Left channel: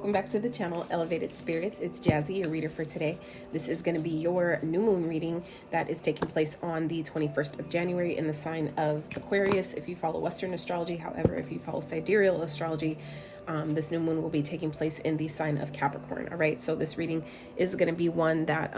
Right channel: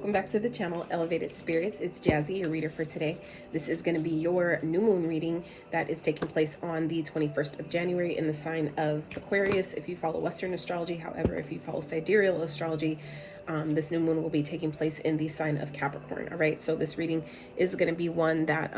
welcome back to the channel, Elevated Spirits. It's Jazzy, your reader for today. This is going to be your new moon reading that is taking place on the 21st of January in the sign of Aquarius if you follow Western astrology. However, if you follow sidereal astrology, this new moon will be taking place in the sign of Capricorn. All right, so this reading is going to be one that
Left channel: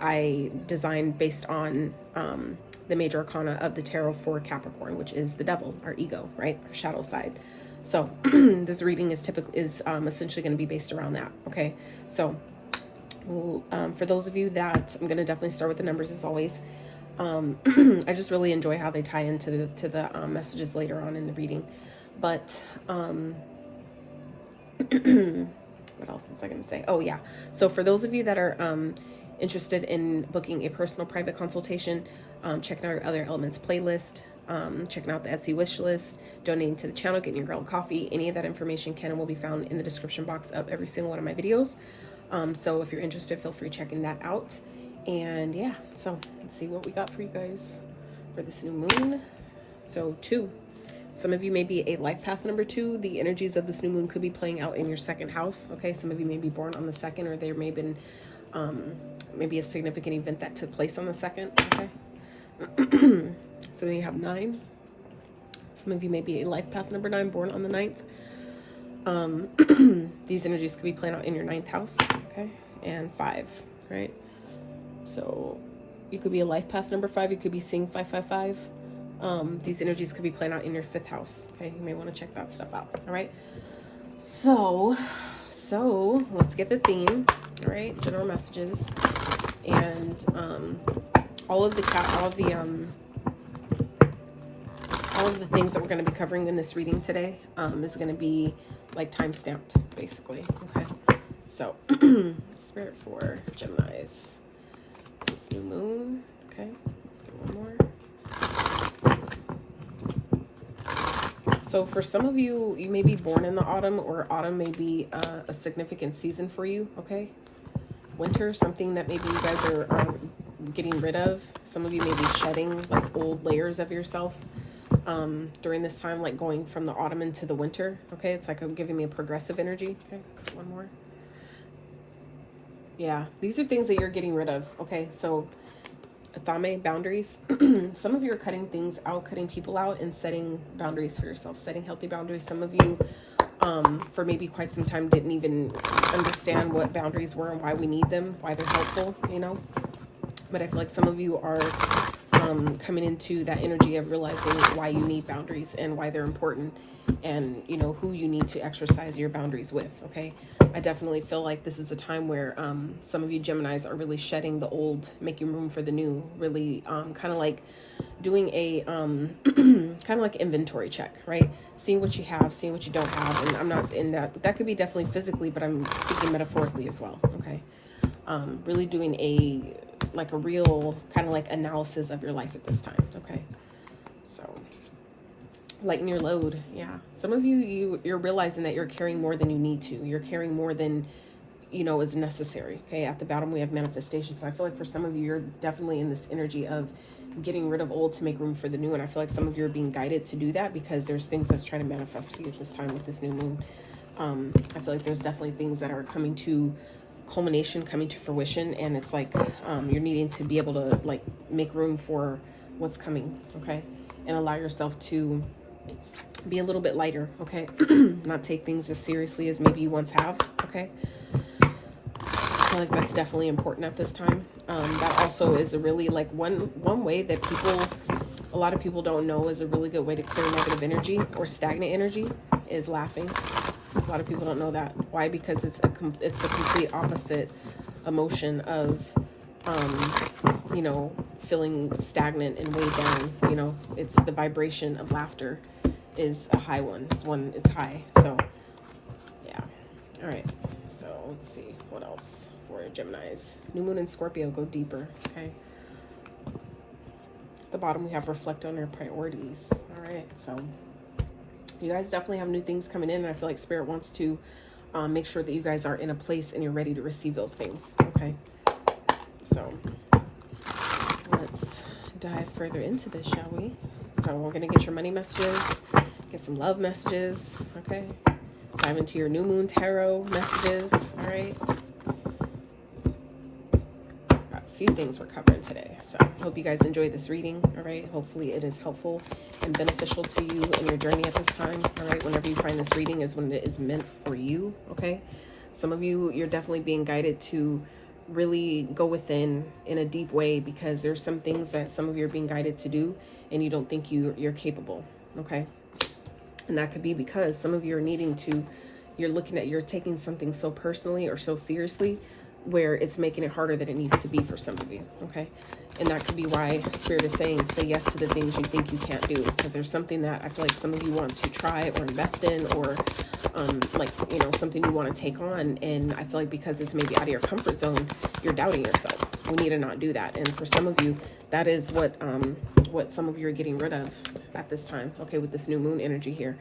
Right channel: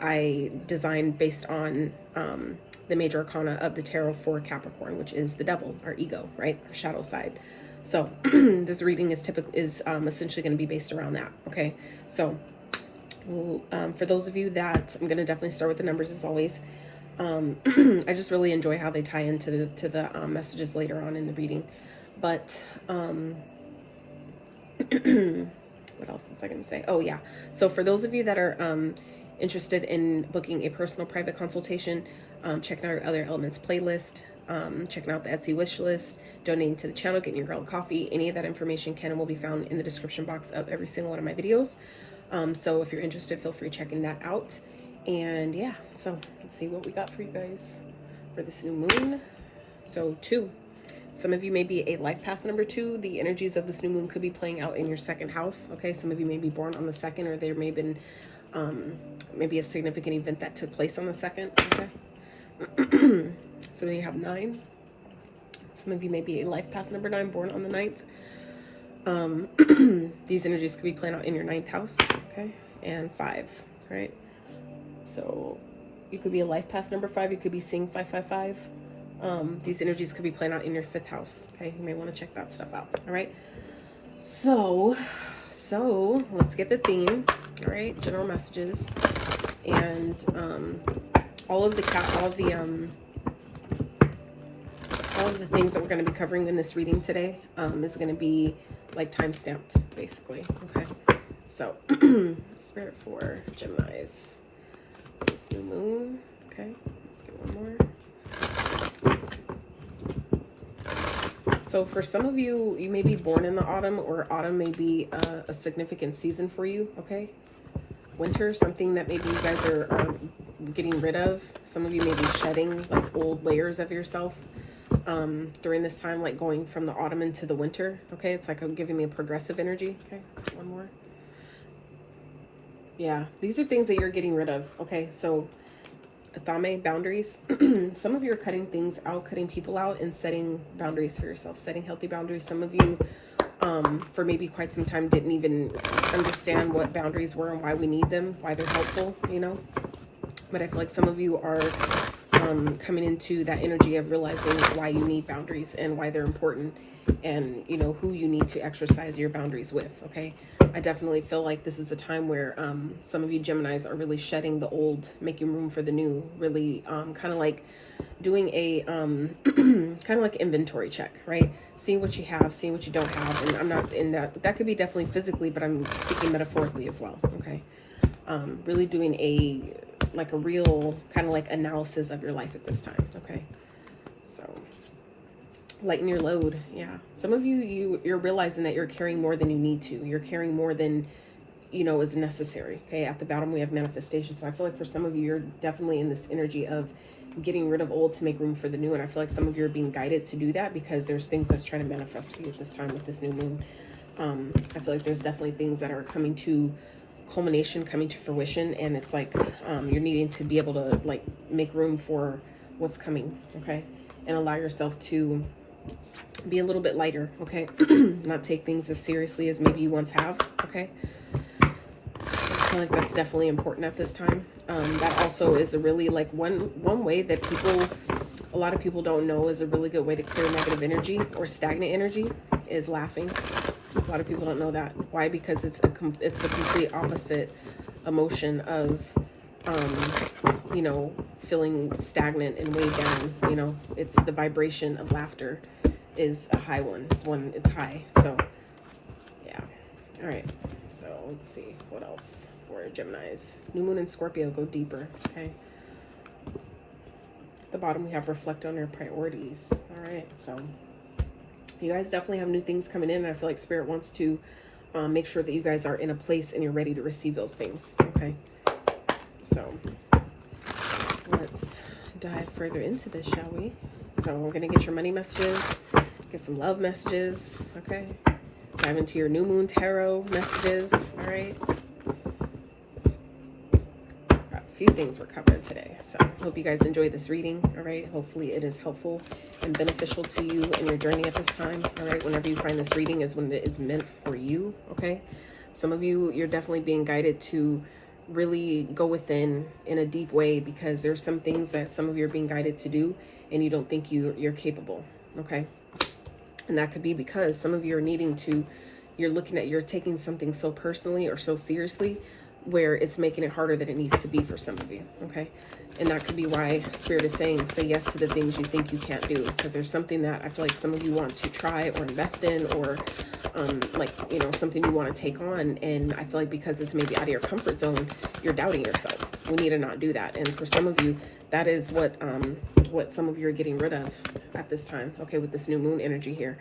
I designed based on the major arcana of the tarot for Capricorn, which is the devil, our ego, right? Our shadow side. So this reading is essentially going to be based around that. Okay, so for those of you that, I'm going to definitely start with the numbers as always. I just really enjoy how they tie into the messages later on in the reading. But what else was I going to say? Oh yeah, so for those of you that are interested in booking a personal private consultation, checking out our Other Elements playlist, checking out the Etsy wish list, donating to the channel, getting your girl coffee, any of that information can and will be found in the description box of every single one of my videos. So if you're interested, feel free checking that out. And yeah, so let's see what we got for you guys for this new moon. So 2. Some of you may be a life path number 2. The energies of this new moon could be playing out in your second house. Okay, some of you may be born on the 2nd, or there may have been maybe a significant event that took place on the 2nd. Okay. Some of you have 9. Some of you may be a life path number 9, born on the 9th. These energies could be playing out in your 9th house, okay? And 5, right? So you could be a life path number 5. You could be seeing 555. These energies could be playing out in your 5th house, okay? You may want to check that stuff out, all right? So let's get the theme, all right? General messages. And all of the things that we're going to be covering in this reading today is going to be like time stamped, basically. Okay, so spirit for Gemini's this new moon. Okay, let's get one more. So for some of you, you may be born in the autumn, or autumn may be a significant season for you. Okay, winter, something that maybe you guys are getting rid of. Some of you may be shedding like old layers of yourself during this time, like going from the autumn into the winter. Okay, it's like I'm giving me a progressive energy. Okay, let's get one more. Yeah, these are things that you're getting rid of. Okay, so atame, boundaries. Some of you are cutting things out, cutting people out, and setting boundaries for yourself, setting healthy boundaries. Some of you for maybe quite some time didn't even understand what boundaries were and why we need them, why they're helpful, you know. But I feel like some of you are coming into that energy of realizing why you need boundaries and why they're important, and you know who you need to exercise your boundaries with. Okay, I definitely feel like this is a time where some of you Geminis are really shedding the old, making room for the new, really kind of like doing a kind of like inventory check, right? Seeing what you have, seeing what you don't have. And I'm not in that could be definitely physically, but I'm speaking metaphorically as well. Okay, really doing a real kind of like analysis of your life at this time. Okay, so lighten your load. Yeah, some of you're realizing that you're carrying more than you need to. You're carrying more than you know is necessary. Okay, at the bottom we have manifestation. So I feel like for some of you, you're definitely in this energy of getting rid of old to make room for the new. And I feel like some of you are being guided to do that because there's things that's trying to manifest for you at this time with this new moon. I feel like there's definitely things that are coming to culmination, coming to fruition, and it's like you're needing to be able to like make room for what's coming. Okay, and allow yourself to be a little bit lighter. Okay, not take things as seriously as maybe you once have. Okay, I feel like that's definitely important at this time. That also is a really like one way that a lot of people don't know is a really good way to clear negative energy or stagnant energy is laughing. A lot of people don't know that. Why? Because it's a complete opposite emotion of, you know, feeling stagnant and way down. You know, it's the vibration of laughter is a high one. It's high. So, yeah. All right. So let's see what else for Geminis. New moon in Scorpio. Go deeper. Okay. At the bottom we have reflect on your priorities. All right. So you guys definitely have new things coming in, and I feel like Spirit wants to make sure that you guys are in a place and you're ready to receive those things. Okay, so let's dive further into this, shall we? So we're gonna get your money messages, get some love messages. Okay, dive into your new moon tarot messages. All right. A few things we're covering today. So hope you guys enjoyed this reading. All right. Hopefully it is helpful and beneficial to you in your journey at this time. All right. Whenever you find this reading is when it is meant for you. Okay. Some of you, you're definitely being guided to really go within in a deep way, because there's some things that some of you are being guided to do and you don't think you're capable. Okay. And that could be because some of you are needing to, you're taking something so personally or so seriously where it's making it harder than it needs to be for some of you. Okay. And that could be why Spirit is saying, say yes to the things you think you can't do, because there's something that I feel like some of you want to try or invest in, or like, you know, something you want to take on. And I feel like because it's maybe out of your comfort zone, you're doubting yourself. We need to not do that. And for some of you, that is what some of you are getting rid of at this time. Okay. With this new moon energy here,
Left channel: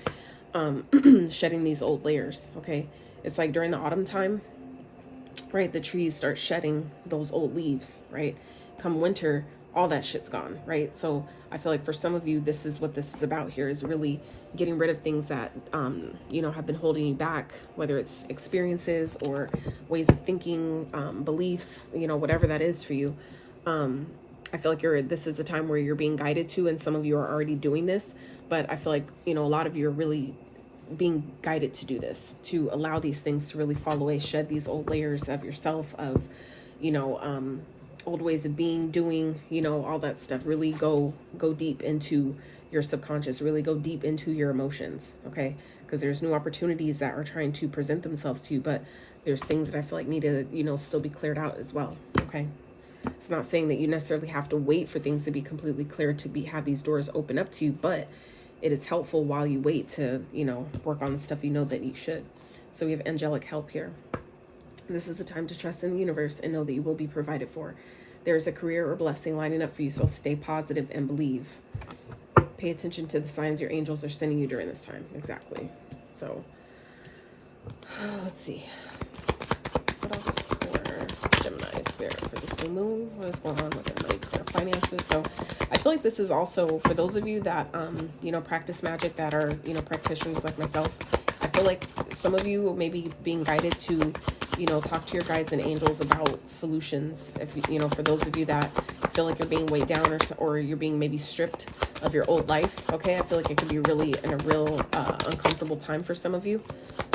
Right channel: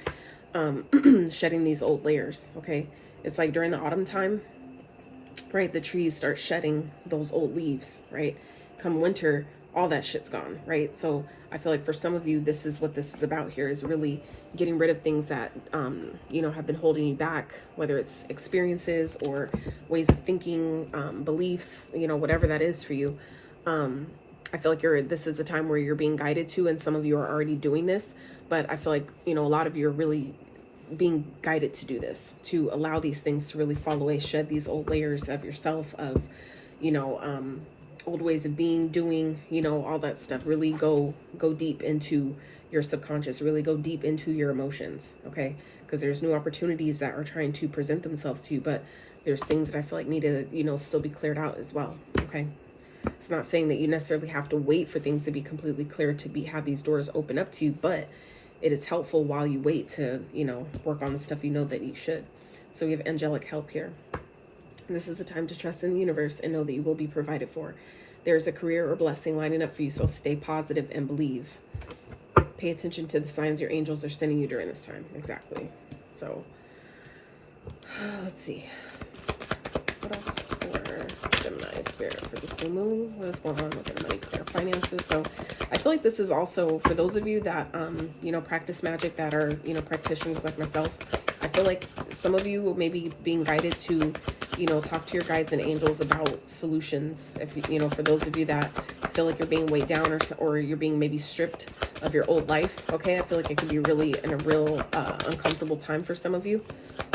shedding these old layers. Okay. It's like during the autumn time, right? The trees start shedding those old leaves, right? Come winter, all that shit's gone, right? So I feel like for some of you, this is what this is about here, is really getting rid of things that, you know, have been holding you back, whether it's experiences or ways of thinking, beliefs, you know, whatever that is for you. I feel like this is a time where you're being guided to, and some of you are already doing this, but I feel like, you know, a lot of you are really being guided to do this, to allow these things to really fall away, shed these old layers of yourself, of, you know, old ways of being, doing, you know, all that stuff. Really go deep into your subconscious, really go deep into your emotions. Okay. Because there's new opportunities that are trying to present themselves to you, but there's things that I feel like need to, you know, still be cleared out as well. Okay. It's not saying that you necessarily have to wait for things to be completely clear to have these doors open up to you, but it is helpful while you wait to, you know, work on the stuff you know that you should. So we have angelic help here. This is a time to trust in the universe and know that you will be provided for. There's a career or blessing lining up for you, so stay positive and believe. Pay attention to the signs your angels are sending you during this time. Exactly. So, let's see. What else for Gemini Spirit for this new moon? What is going on with their money, their finances? So, I feel like this is also for those of you that, you know, practice magic, that are, you know, practitioners like myself. I feel like some of you may be being guided to, you know, talk to your guides and angels about solutions. If you know, for those of you that feel like you're being weighed down, or you're being maybe stripped of your old life. Okay. I feel like it could be really in a real uncomfortable time for some of you.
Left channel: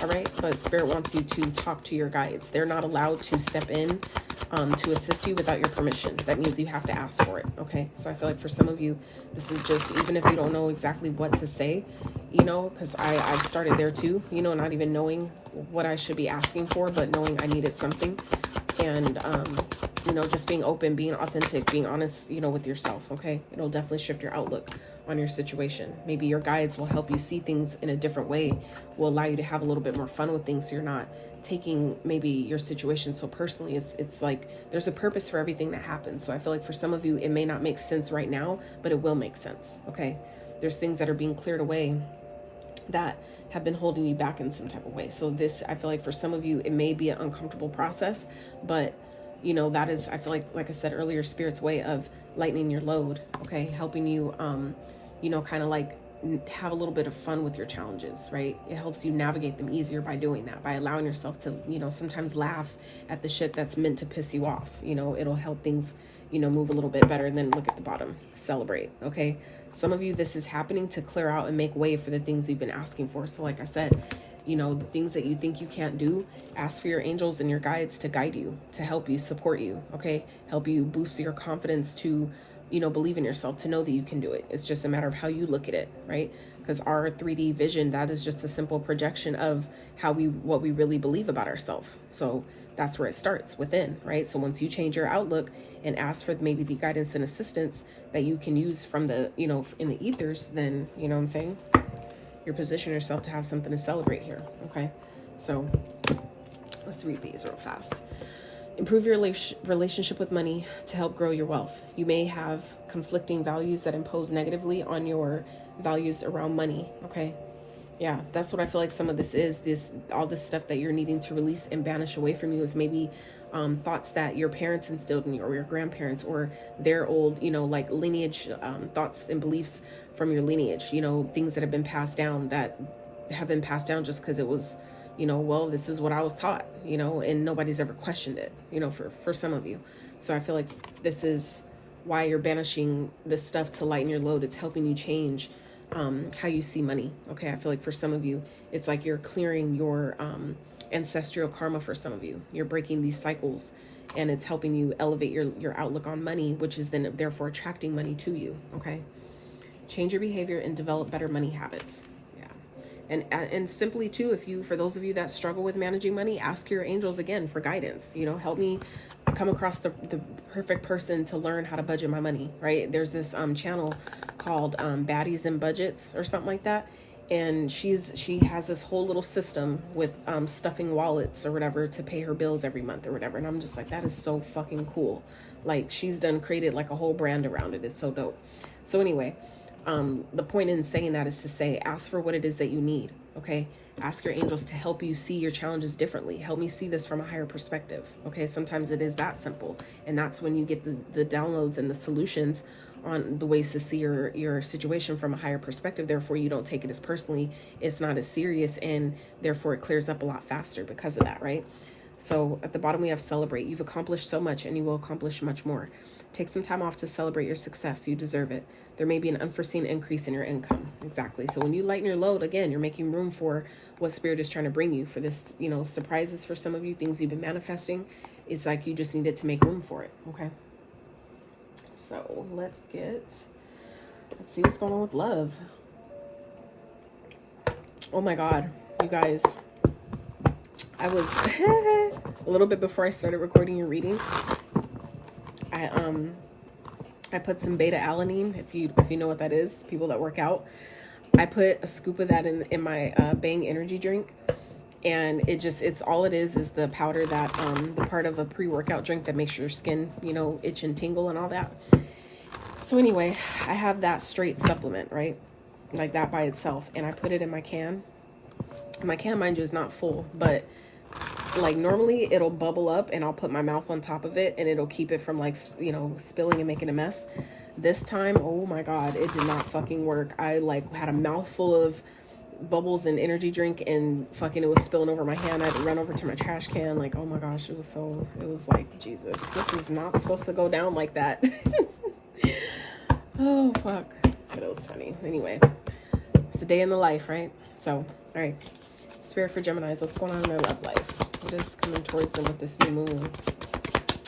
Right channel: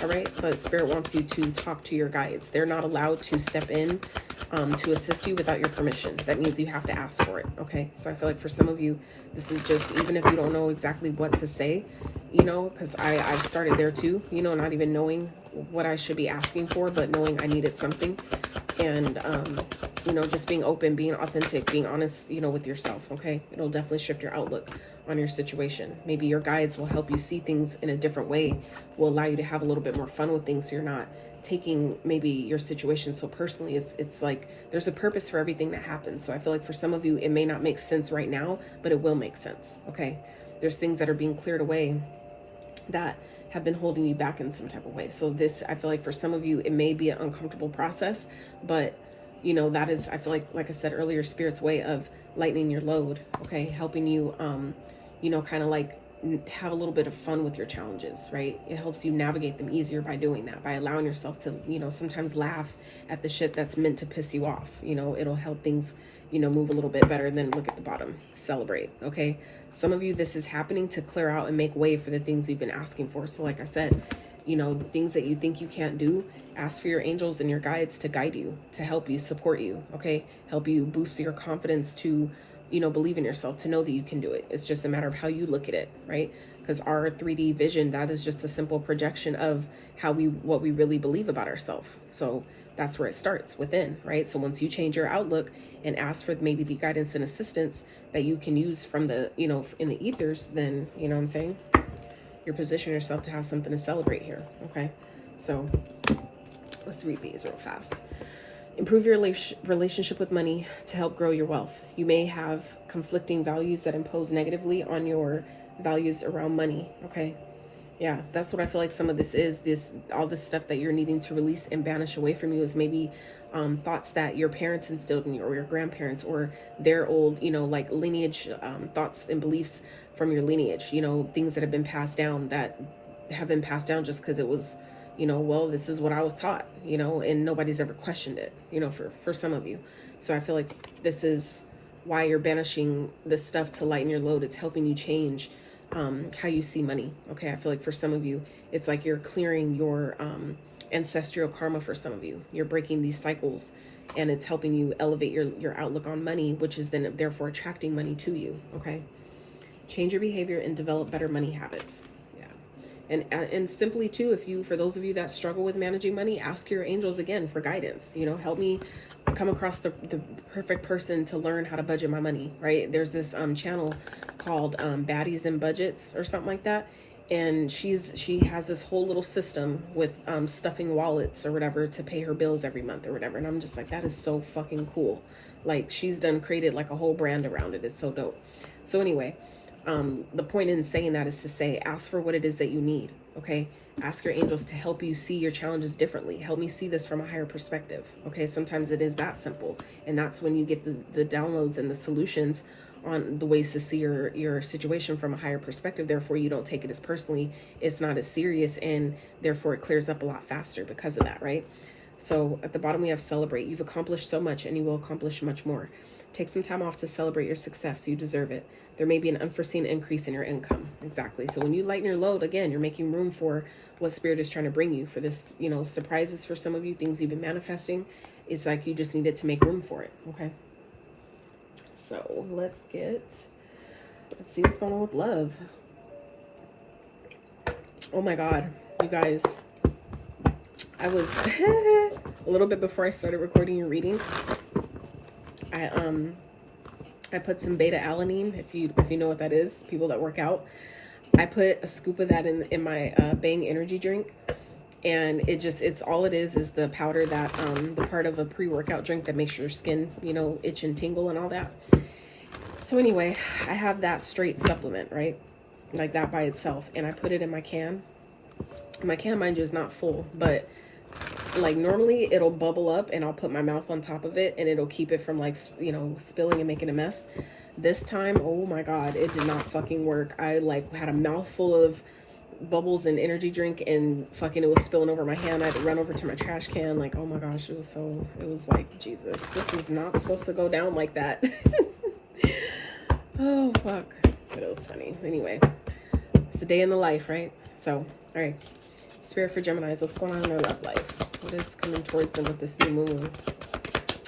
All right. But Spirit wants you to talk to your guides. They're not allowed to step in to assist you without your permission. That means you have to ask for it. Okay. So I feel like for some of you, this is just, even if you don't know exactly what to say, you know, because I started there too, you know, not even knowing what I should be asking for, but knowing I needed something. And, you know, just being open, being authentic, being honest, you know, with yourself. Okay. It'll definitely shift your outlook on your situation. Maybe your guides will help you see things in a different way, will allow you to have a little bit more fun with things, so you're not taking maybe your situation so personally. It's like there's a purpose for everything that happens. So I feel like for some of you, it may not make sense right now, but it will make sense. Okay. There's things that are being cleared away that have been holding you back in some type of way. So this, I feel like for some of you, it may be an uncomfortable process, but you know, that is, I feel like I said earlier, Spirit's way of lightening your load. Okay. Helping you, you know, kind of like have a little bit of fun with your challenges, right? It helps you navigate them easier by doing that, by allowing yourself to, you know, sometimes laugh at the shit that's meant to piss you off. You know, it'll help things, you know, move a little bit better. And then look at the bottom, celebrate. Okay. Some of you, this is happening to clear out and make way for the things you've been asking for. So like I said, you know, things that you think you can't do, ask for your angels and your guides to guide you, to help you, support you. Okay. Help you boost your confidence to, you know, believe in yourself, to know that you can do it. It's just a matter of how you look at it, right? Because our 3D vision, that is just a simple projection of what we really believe about ourselves. So that's where it starts, within, right? So once you change your outlook and ask for maybe the guidance and assistance that you can use from the, you know, in the ethers, then, you know what I'm saying? You're positioning yourself to have something to celebrate here. Okay. So let's read these real fast. Improve your relationship with money to help grow your wealth. You may have conflicting values that impose negatively on your values around money. Okay. Yeah, that's what I feel like some of this is. All this stuff that you're needing to release and banish away from you is maybe thoughts that your parents instilled in you, or your grandparents, or their old, you know, like lineage, thoughts and beliefs from your lineage, you know, things that have been passed down, just because it was you know, well, this is what I was taught, you know, and nobody's ever questioned it, you know, for some of you. So I feel like this is why you're banishing this stuff to lighten your load. It's helping you change how you see money. Okay, I feel like for some of you, it's like you're clearing your ancestral karma. For some of you, you're breaking these cycles, and it's helping you elevate your outlook on money, which is then therefore attracting money to you. Okay, change your behavior and develop better money habits. And simply too, if you, for those of you that struggle with managing money, ask your angels again for guidance. You know, help me come across the perfect person to learn how to budget my money, right? There's this channel called Baddies and Budgets or something like that, and she has this whole little system with stuffing wallets or whatever to pay her bills every month or whatever. And I'm just like, that is so fucking cool. Like, she's created like a whole brand around it. It's so dope. So anyway, the point in saying that is to say, ask for what it is that you need. Okay, ask your angels to help you see your challenges differently. Help me see this from a higher perspective. Okay, sometimes it is that simple, and that's when you get the downloads and the solutions on the ways to see your situation from a higher perspective. Therefore, you don't take it as personally. It's not as serious, and therefore it clears up a lot faster because of that, right? So at the bottom we have celebrate. You've accomplished so much, and you will accomplish much more. Take some time off to celebrate your success. You deserve it. There may be an unforeseen increase in your income. Exactly. So when you lighten your load, again, you're making room for what Spirit is trying to bring you, for this, you know, surprises for some of you, things you've been manifesting. It's like you just needed to make room for it. Okay. So let's see what's going on with love. Oh my God, you guys. I was a little bit before I started recording your reading. I put some beta alanine, if you know what that is, people that work out. I put a scoop of that in my Bang energy drink, and it's all it is the powder that the part of a pre-workout drink that makes your skin, you know, itch and tingle and all that. So anyway, I have that straight supplement, right, like that by itself, and I put it in my can. My can, mind you, is not full, but like normally it'll bubble up and I'll put my mouth on top of it and it'll keep it from, like, you know, spilling and making a mess. This time, oh my God, it did not fucking work. I like had a mouthful of bubbles and energy drink, and fucking it was spilling over my hand. I had to run over to my trash can. Like, oh my gosh, it was like, Jesus, this is not supposed to go down like that. Oh fuck, but it was funny. Anyway, it's a day in the life, right? So, all right, Spirit for Geminis, what's going on in their love life? What is coming towards them with this new moon?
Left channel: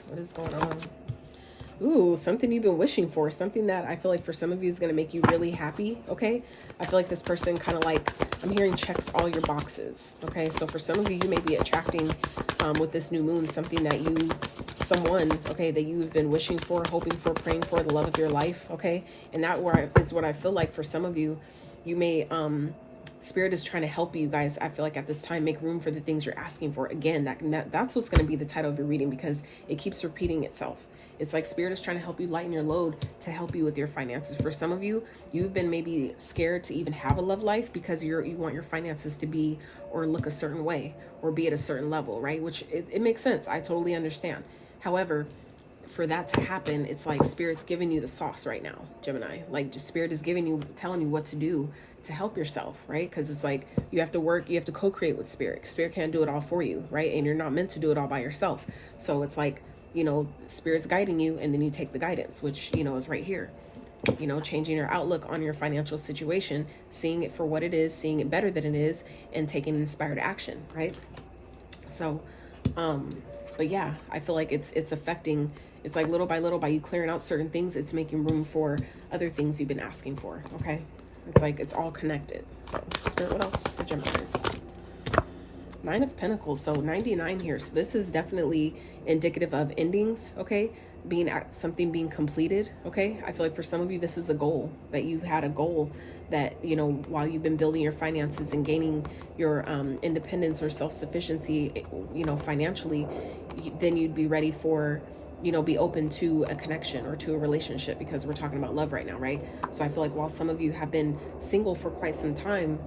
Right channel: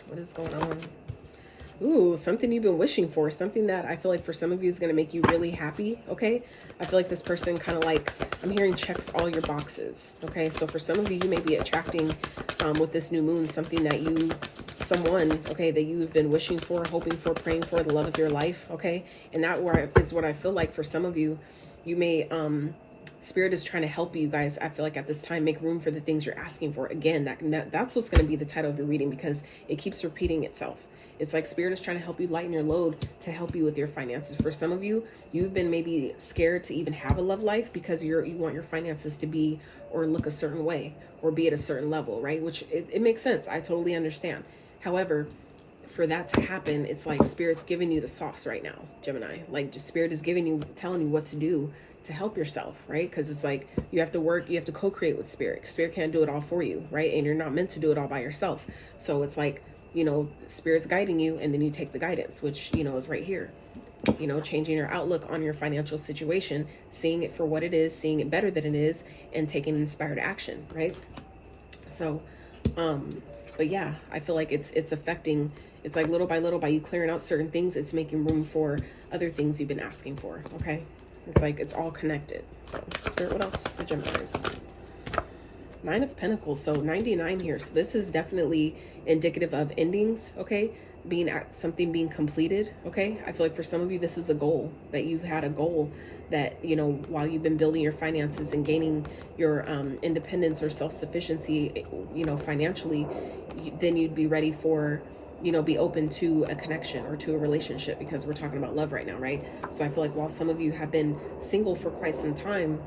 What is going on? Ooh, something you've been wishing for, something that I feel like for some of you is going to make you really happy. Okay, I feel like this person kind of, like, I'm hearing checks all your boxes. Okay, so for some of you, you may be attracting with this new moon something that someone, okay, that you've been wishing for, hoping for, praying for, the love of your life. Okay, and that is what I feel like for some of you. You may Spirit is trying to help you guys, I feel like, at this time, make room for the things you're asking for. Again, that's what's going to be the title of your reading, because it keeps repeating itself. It's like Spirit is trying to help you lighten your load to help you with your finances. For some of you, you've been maybe scared to even have a love life because you want your finances to be or look a certain way or be at a certain level, right? Which it makes sense. I totally understand. However, for that to happen, it's like Spirit's giving you the sauce right now, Gemini. Like, just Spirit is telling you what to do to help yourself, right? Because it's like you have to work, you have to co-create with Spirit. Spirit can't do it all for you, right? And you're not meant to do it all by yourself. So it's like, you know, Spirit's guiding you, and then you take the guidance, which, you know, is right here. You know, changing your outlook on your financial situation, seeing it for what it is, seeing it better than it is, and taking inspired action, right? So, but yeah, I feel like it's affecting, it's like little by little, by you clearing out certain things, it's making room for other things you've been asking for, okay? It's like it's all connected. So, Spirit, what else for Geminis? 9 of Pentacles, so 99 here. So this is definitely indicative of endings, okay? Something being completed, okay? I feel like for some of you, this is a goal, that you've had a goal that, you know, while you've been building your finances and gaining your independence or self-sufficiency, you know, financially, then you'd be ready for, you know, be open to a connection or to a relationship, because we're talking about love right now, right? So I feel like while some of you have been single for quite some time,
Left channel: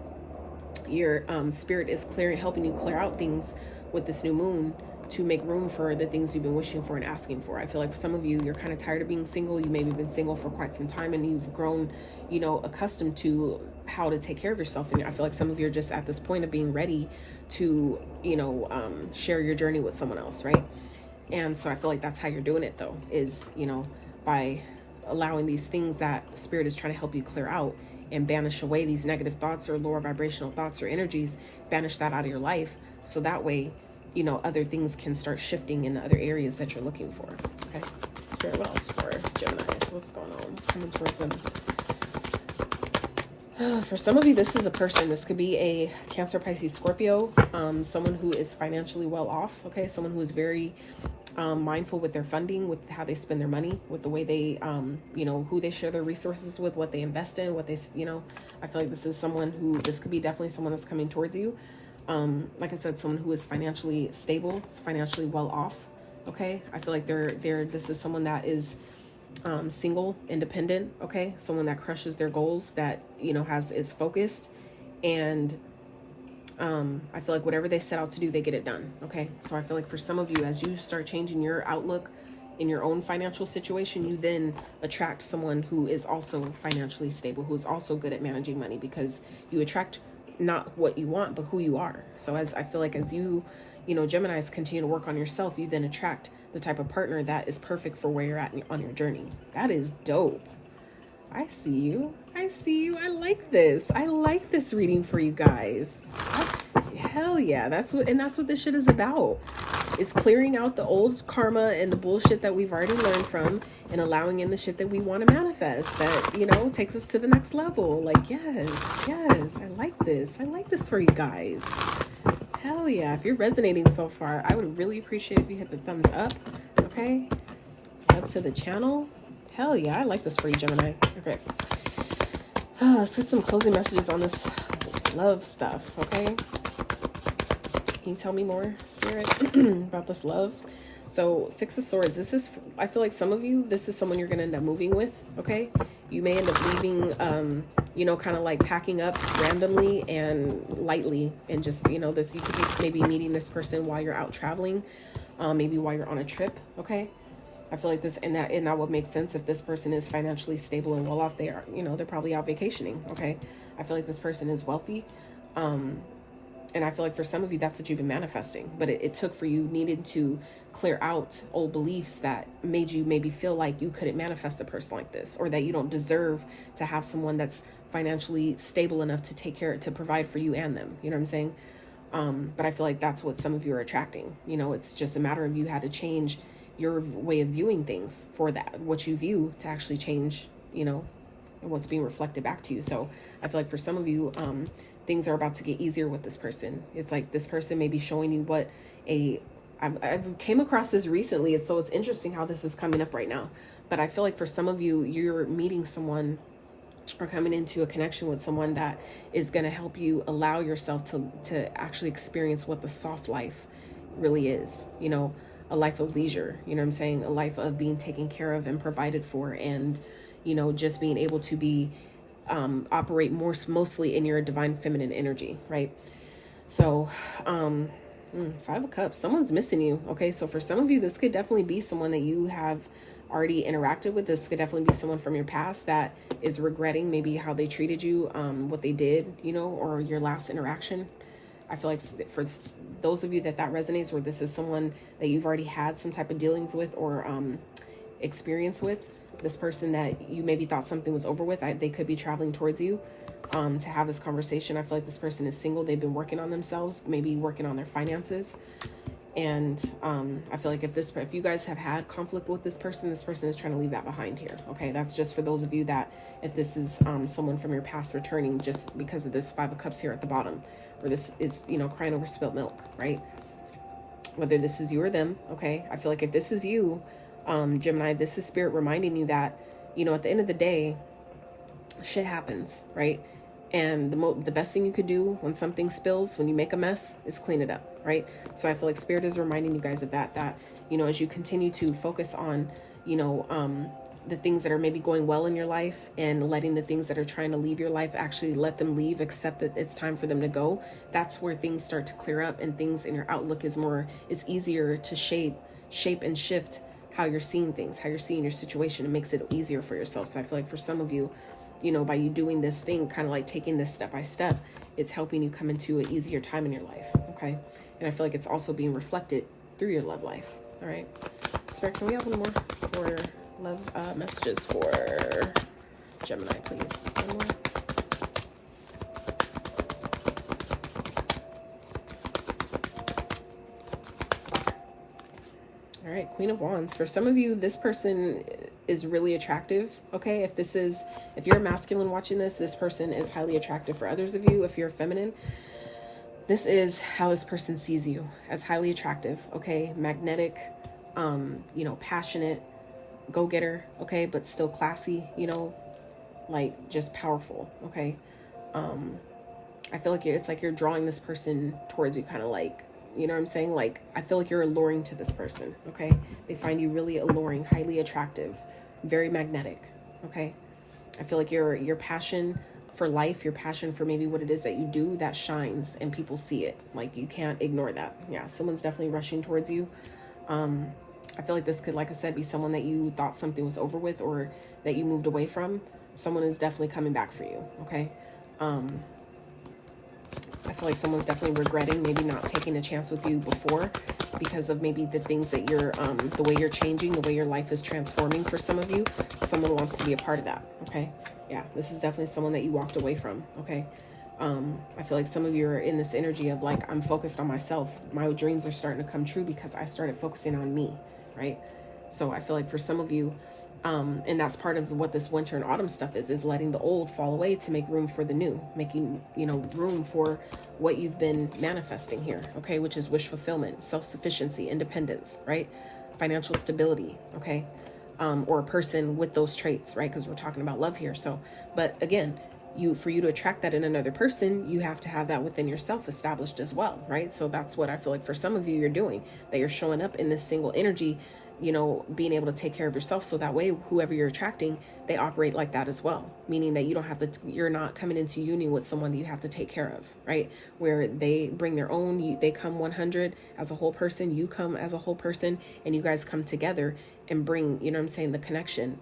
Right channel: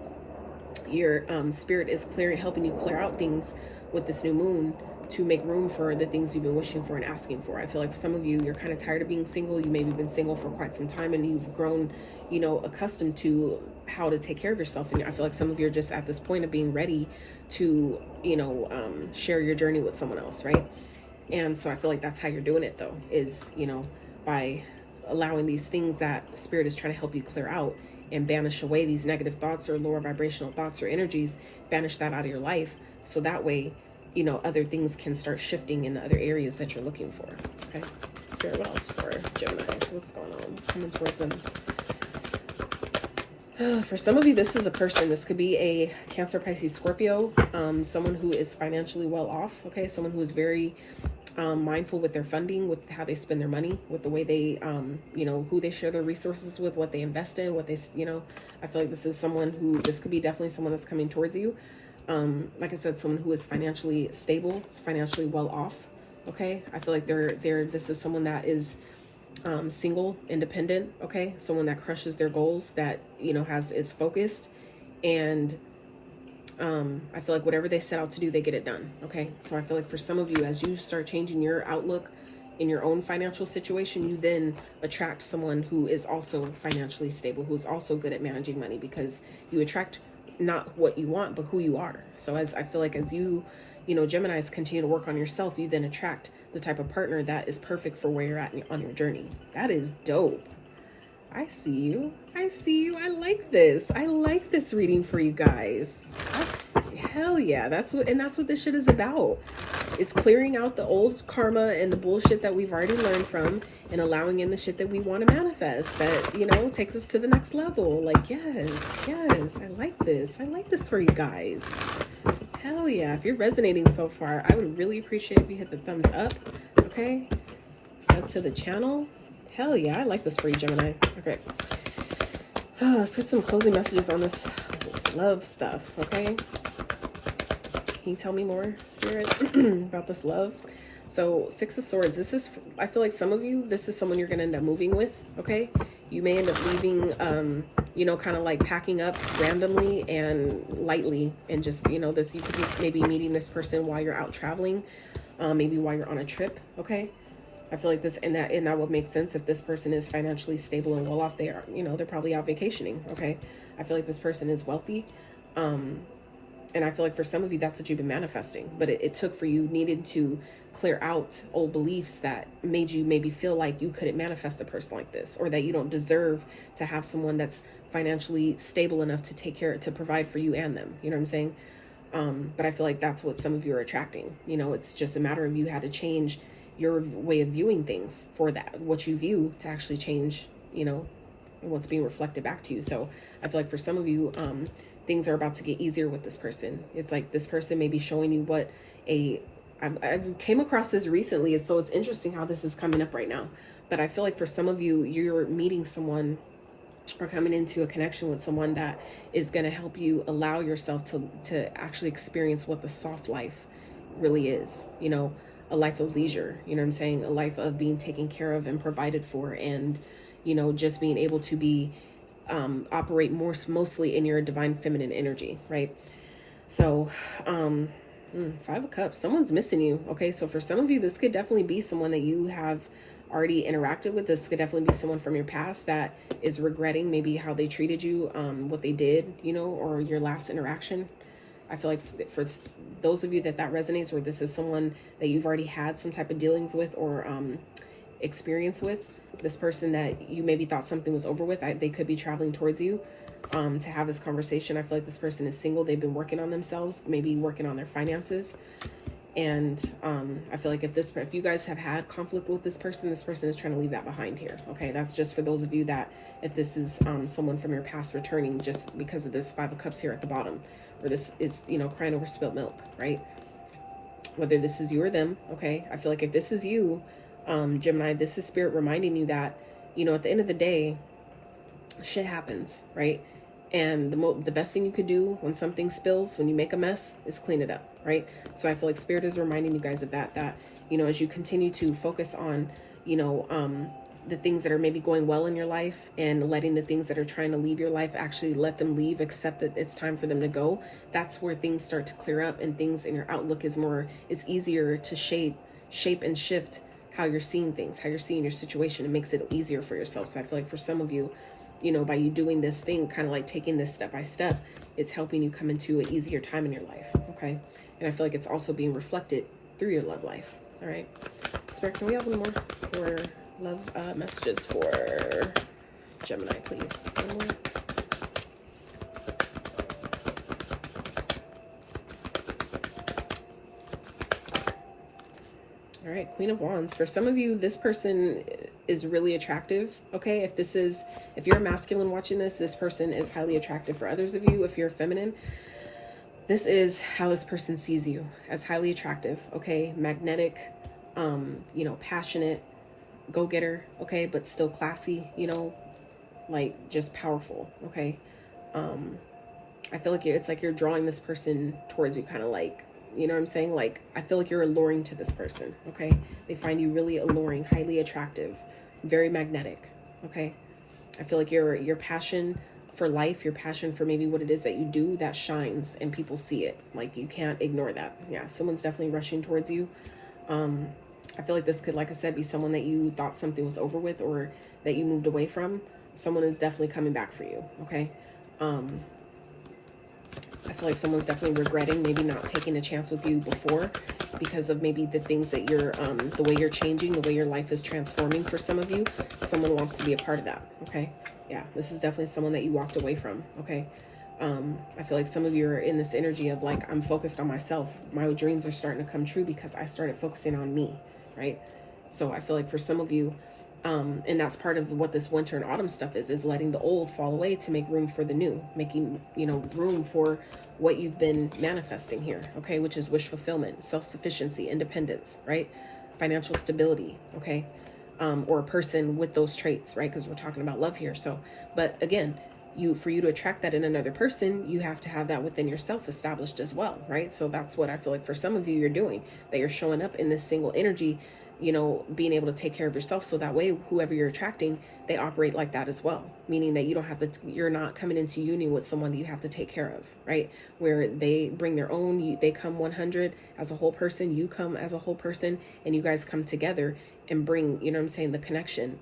your Spirit is helping you clear out things with this new moon to make room for the things you've been wishing for and asking for. I feel like for some of you, you're kind of tired of being single. You maybe been single for quite some time, and you've grown, you know, accustomed to how to take care of yourself. And I feel like some of you are just at this point of being ready to, you know, share your journey with someone else, right? And so I feel like that's how you're doing it, though, is, you know, by allowing these things that Spirit is trying to help you clear out and banish away these negative thoughts or lower vibrational thoughts or energies, banish that out of your life. So that way, you know, other things can start shifting in the other areas that you're looking for. Okay. Spirit, what else for Gemini? So what's going on? Just coming towards them. For some of you, this is a person. This could be a Cancer, Pisces, Scorpio, someone who is financially well off. Okay. Someone who is very mindful with their funding, with how they spend their money, with the way they, you know, who they share their resources with, what they invest in, what they, you know, I feel like this is someone who, this could be definitely someone that's coming towards you. Like I said, someone who is financially stable, financially well off. Okay. I feel like this is someone that is, single, independent. Okay. Someone that crushes their goals, that, you know, is focused, and, I feel like whatever they set out to do, they get it done. Okay. So I feel like for some of you, as you start changing your outlook in your own financial situation, you then attract someone who is also financially stable, who is also good at managing money, because you attract not what you want, but who you are. So as I feel like as you know, Geminis continue to work on yourself, you then attract the type of partner that is perfect for where you're at on your journey. That is dope. I see you. I see you. I like this. I like this reading for you guys. Hell yeah. That's what this shit is about. It's clearing out the old karma and the bullshit that we've already learned from, and allowing in the shit that we want to manifest, that, you know, takes us to the next level. Like, yes. I like this. I like this for you guys. Hell yeah. If you're resonating so far, I would really appreciate if you hit the thumbs up. Okay. Sub to the channel. Hell yeah. I like this for you, Gemini. Okay. Let's get some closing messages on this love stuff. Okay. Can you tell me more, Spirit, about this love? So 6 of Swords. This is, I feel like some of you, this is someone you're going to end up moving with. Okay. You may end up leaving, you know, kind of like packing up randomly and lightly, and just, you know, this, you could be maybe meeting this person while you're out traveling, maybe while you're on a trip. Okay. I feel like this, and that would make sense if this person is financially stable and well off. They are, you know, they're probably out vacationing. Okay. I feel like this person is wealthy. And I feel like for some of you, that's what you've been manifesting, but it took for you needed to clear out old beliefs that made you maybe feel like you couldn't manifest a person like this, or that you don't deserve to have someone that's financially stable enough to take care, to provide for you and them. You know what I'm saying? But I feel like that's what some of you are attracting. You know, it's just a matter of you had to change your way of viewing things for that, what you view, to actually change, you know, what's being reflected back to you. So I feel like for some of you, things are about to get easier with this person. It's like this person may be showing you what I've came across this recently. And so it's interesting how this is coming up right now. But I feel like for some of you, you're meeting someone or coming into a connection with someone that is going to help you allow yourself to actually experience what the soft life really is. You know, a life of leisure, you know what I'm saying? A life of being taken care of and provided for, and, you know, just being able to be, operate mostly in your divine feminine energy, right? So, 5 of Cups, someone's missing you. Okay. So for some of you, this could definitely be someone that you have already interacted with. This could definitely be someone from your past that is regretting maybe how they treated you, what they did, you know, or your last interaction. I feel like for those of you that resonates, where this is someone that you've already had some type of dealings with or experience with, this person that you maybe thought something was over with, they could be traveling towards you to have this conversation. I feel like this person is single. They've been working on themselves, maybe working on their finances. And I feel like if you guys have had conflict with this person is trying to leave that behind here. Okay, that's just for those of you that, if this is someone from your past returning, just because of this 5 of Cups here at the bottom, or this is, you know, crying over spilt milk, right? Whether this is you or them. Okay, I feel like if this is you, Gemini, this is Spirit reminding you that, you know, at the end of the day, shit happens, right? And the best thing you could do when something spills, when you make a mess, is clean it up, right? So I feel like Spirit is reminding you guys of that, you know, as you continue to focus on, you know, the things that are maybe going well in your life, and letting the things that are trying to leave your life actually let them leave, accept that it's time for them to go. That's where things start to clear up, and things in your outlook is easier to shape and shift how you're seeing things, how you're seeing your situation. It makes it easier for yourself. So I feel like for some of you, you know, by you doing this thing, kind of like taking this step by step, it's helping you come into an easier time in your life. Okay. And I feel like it's also being reflected through your love life. All right. Spirit, can we have one more for love messages for Gemini, please? One more. All right, Queen of Wands. For some of you, this person is really attractive. Okay, if you're a masculine watching this person is highly attractive. For others of you, if you're feminine, this is how this person sees you, as highly attractive. Okay, magnetic, you know, passionate, go-getter. Okay, but still classy. You know, like just powerful. Okay, I feel like it's like you're drawing this person towards you, kind of like, you know what I'm saying? Like, I feel like you're alluring to this person, okay? They find you really alluring, highly attractive, very magnetic, okay? I feel like your passion for life, your passion for maybe what it is that you do, that shines and people see it. Like, you can't ignore that. Yeah, someone's definitely rushing towards you. I feel like this could, like I said, be someone that you thought something was over with or that you moved away from. Someone is definitely coming back for you, okay? I feel like someone's definitely regretting maybe not taking a chance with you before because of maybe the things that you're, the way you're changing, the way your life is transforming for some of you. Someone wants to be a part of that, okay? Yeah, this is definitely someone that you walked away from, okay? I feel like some of you are in this energy of like, I'm focused on myself. My dreams are starting to come true because I started focusing on me, right? So I feel like for some of you, and that's part of what this winter and autumn stuff is letting the old fall away to make room for the new, making, you know, room for what you've been manifesting here, okay, which is wish fulfillment, self-sufficiency, independence, right? Financial stability, okay, or a person with those traits, right? Because we're talking about love here. So, but again, for you to attract that in another person, you have to have that within yourself established as well, right? So that's what I feel like for some of you you're doing, that you're showing up in this single energy, you know, being able to take care of yourself. So that way, whoever you're attracting, they operate like that as well. Meaning that you don't have to, you're not coming into union with someone that you have to take care of, right? Where they bring their own, they come 100 as a whole person, you come as a whole person, and you guys come together and bring, you know what I'm saying, the connection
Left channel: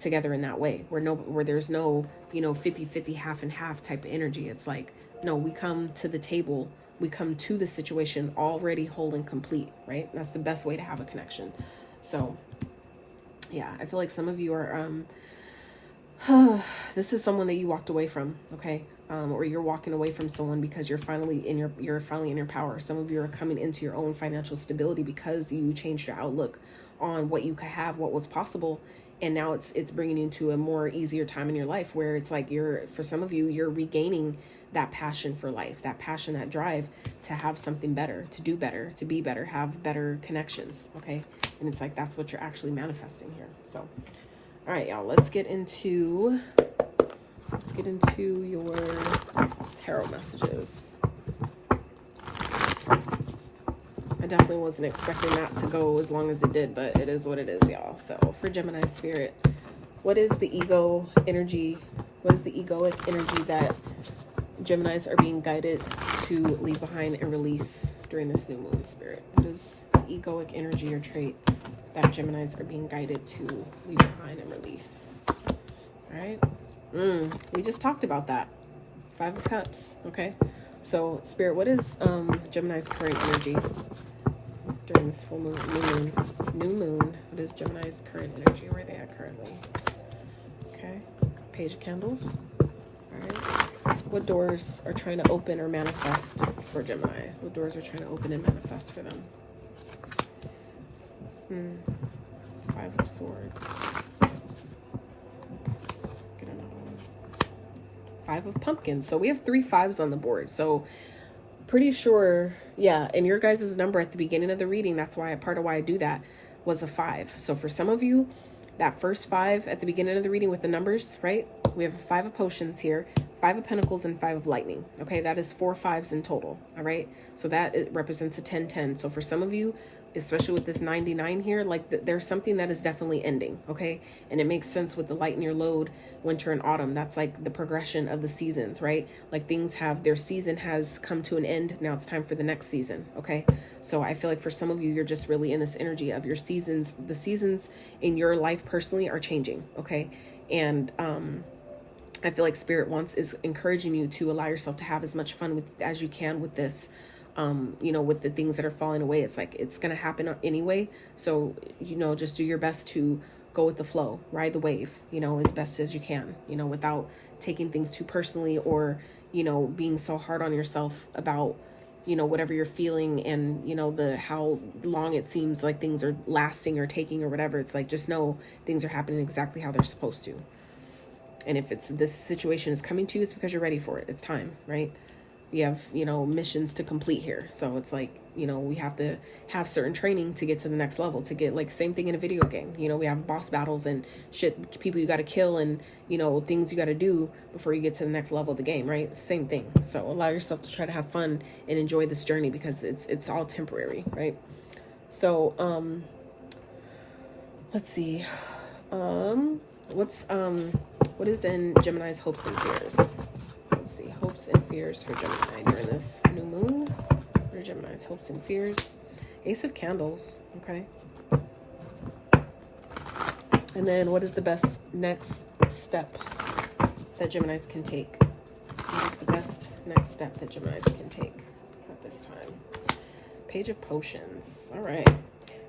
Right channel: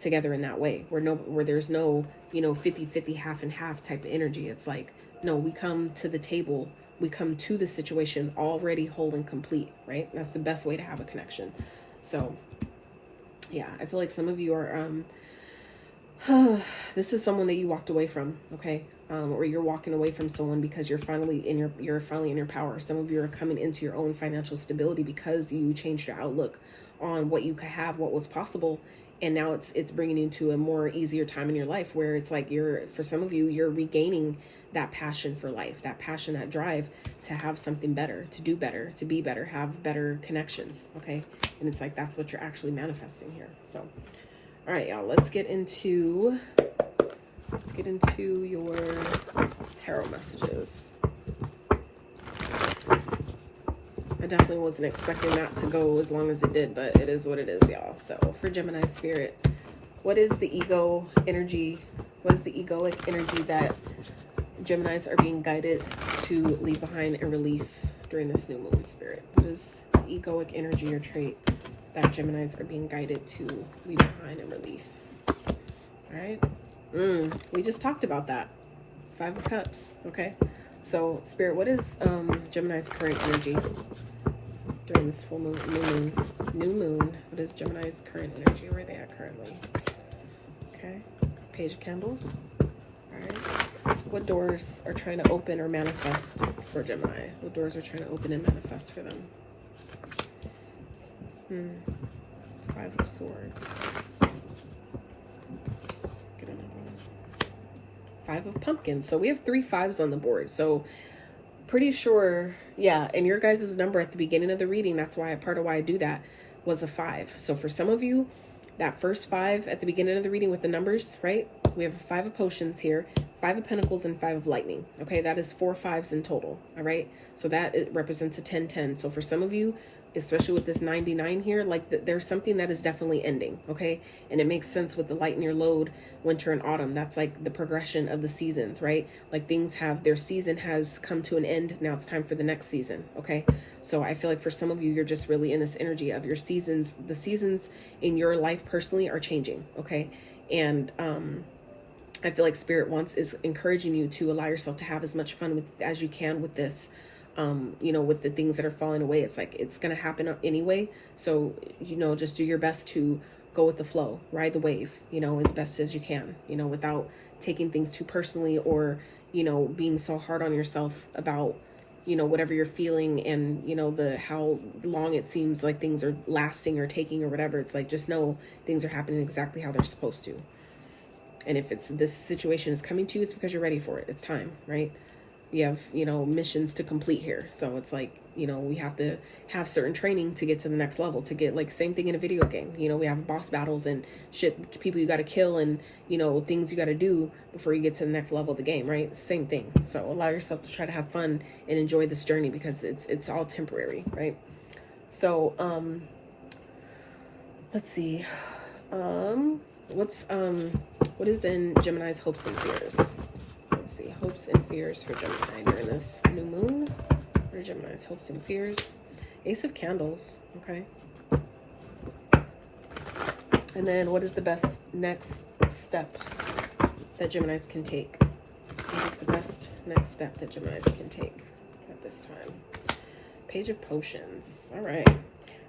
together in that way, where there's no, you know, 50-50, half and half type of energy. It's like, no, we come to the table, we come to the situation already whole and complete, right? That's the best way to have a connection. So yeah, I feel like some of you are, this is someone that you walked away from, okay? Or you're walking away from someone because you're finally in your power. Some of you are coming into your own financial stability because you changed your outlook on what you could have, what was possible. And now it's bringing you to a more easier time in your life where it's like for some of you, you're regaining that passion for life, that passion, that drive to have something better, to do better, to be better, have better connections, okay? And it's like, that's what you're actually manifesting here. So, all right, y'all, let's get into your tarot messages. I definitely wasn't expecting that to go as long as it did, but it is what it is, y'all. So for Gemini spirit, what is the ego energy? What is the egoic energy that Geminis are being guided to leave behind and release during this new moon, spirit? What is the egoic energy or trait that Geminis are being guided to leave behind and release? All right. We just talked about that. 5 of Cups. Okay. So spirit, what is Gemini's current energy during this full moon, new moon? What is Gemini's current energy? Where are they at currently? Okay. Page of Candles. All right. What doors are trying to open or manifest for Gemini? What doors are trying to open and manifest for them? 5 of Swords. Get another one. 5 of Pumpkins. So we have 3 5s on the board. So pretty sure, yeah, and your guys' number at the beginning of the reading, that's why part of why I do that, was a 5. So for some of you, that first 5 at the beginning of the reading with the numbers, right? We have 5 of Potions here, 5 of Pentacles, and 5 of Lightning. Okay, that is 4 5s in total. All right, so that it represents a 10-10. So for some of you, especially with this 99 here, like there's something that is definitely ending, okay? And it makes sense with the light in your load, winter and autumn. That's like the progression of the seasons, right? Like things have, their season has come to an end. Now it's time for the next season, okay? So I feel like for some of you, you're just really in this energy of your seasons. The seasons in your life personally are changing, okay? And I feel like Spirit is encouraging you to allow yourself to have as much fun as you can with this. You know, with the things that are falling away, it's like it's going to happen anyway. So, you know, just do your best to go with the flow, ride the wave, you know, as best as you can, you know, without taking things too personally or, you know, being so hard on yourself about, you know, whatever you're feeling and, you know, how long it seems like things are lasting or taking or whatever. It's like, just know things are happening exactly how they're supposed to. And if this situation is coming to you, it's because you're ready for it. It's time, right? We have, you know, missions to complete here. So it's like, you know, we have to have certain training to get to the next level, to get, like, same thing in a video game. You know, we have boss battles and shit, people you got to kill and, you know, things you got to do before you get to the next level of the game, right? Same thing. So allow yourself to try to have fun and enjoy this journey because it's all temporary, right? So, let's see. What is in Gemini's hopes and fears? Let's see, hopes and fears for Gemini during this new moon. What are Gemini's hopes and fears? Ace of Candles, okay. And then what is the best next step that Geminis can take? What is the best next step that Geminis can take at this time? Page of Potions, all right.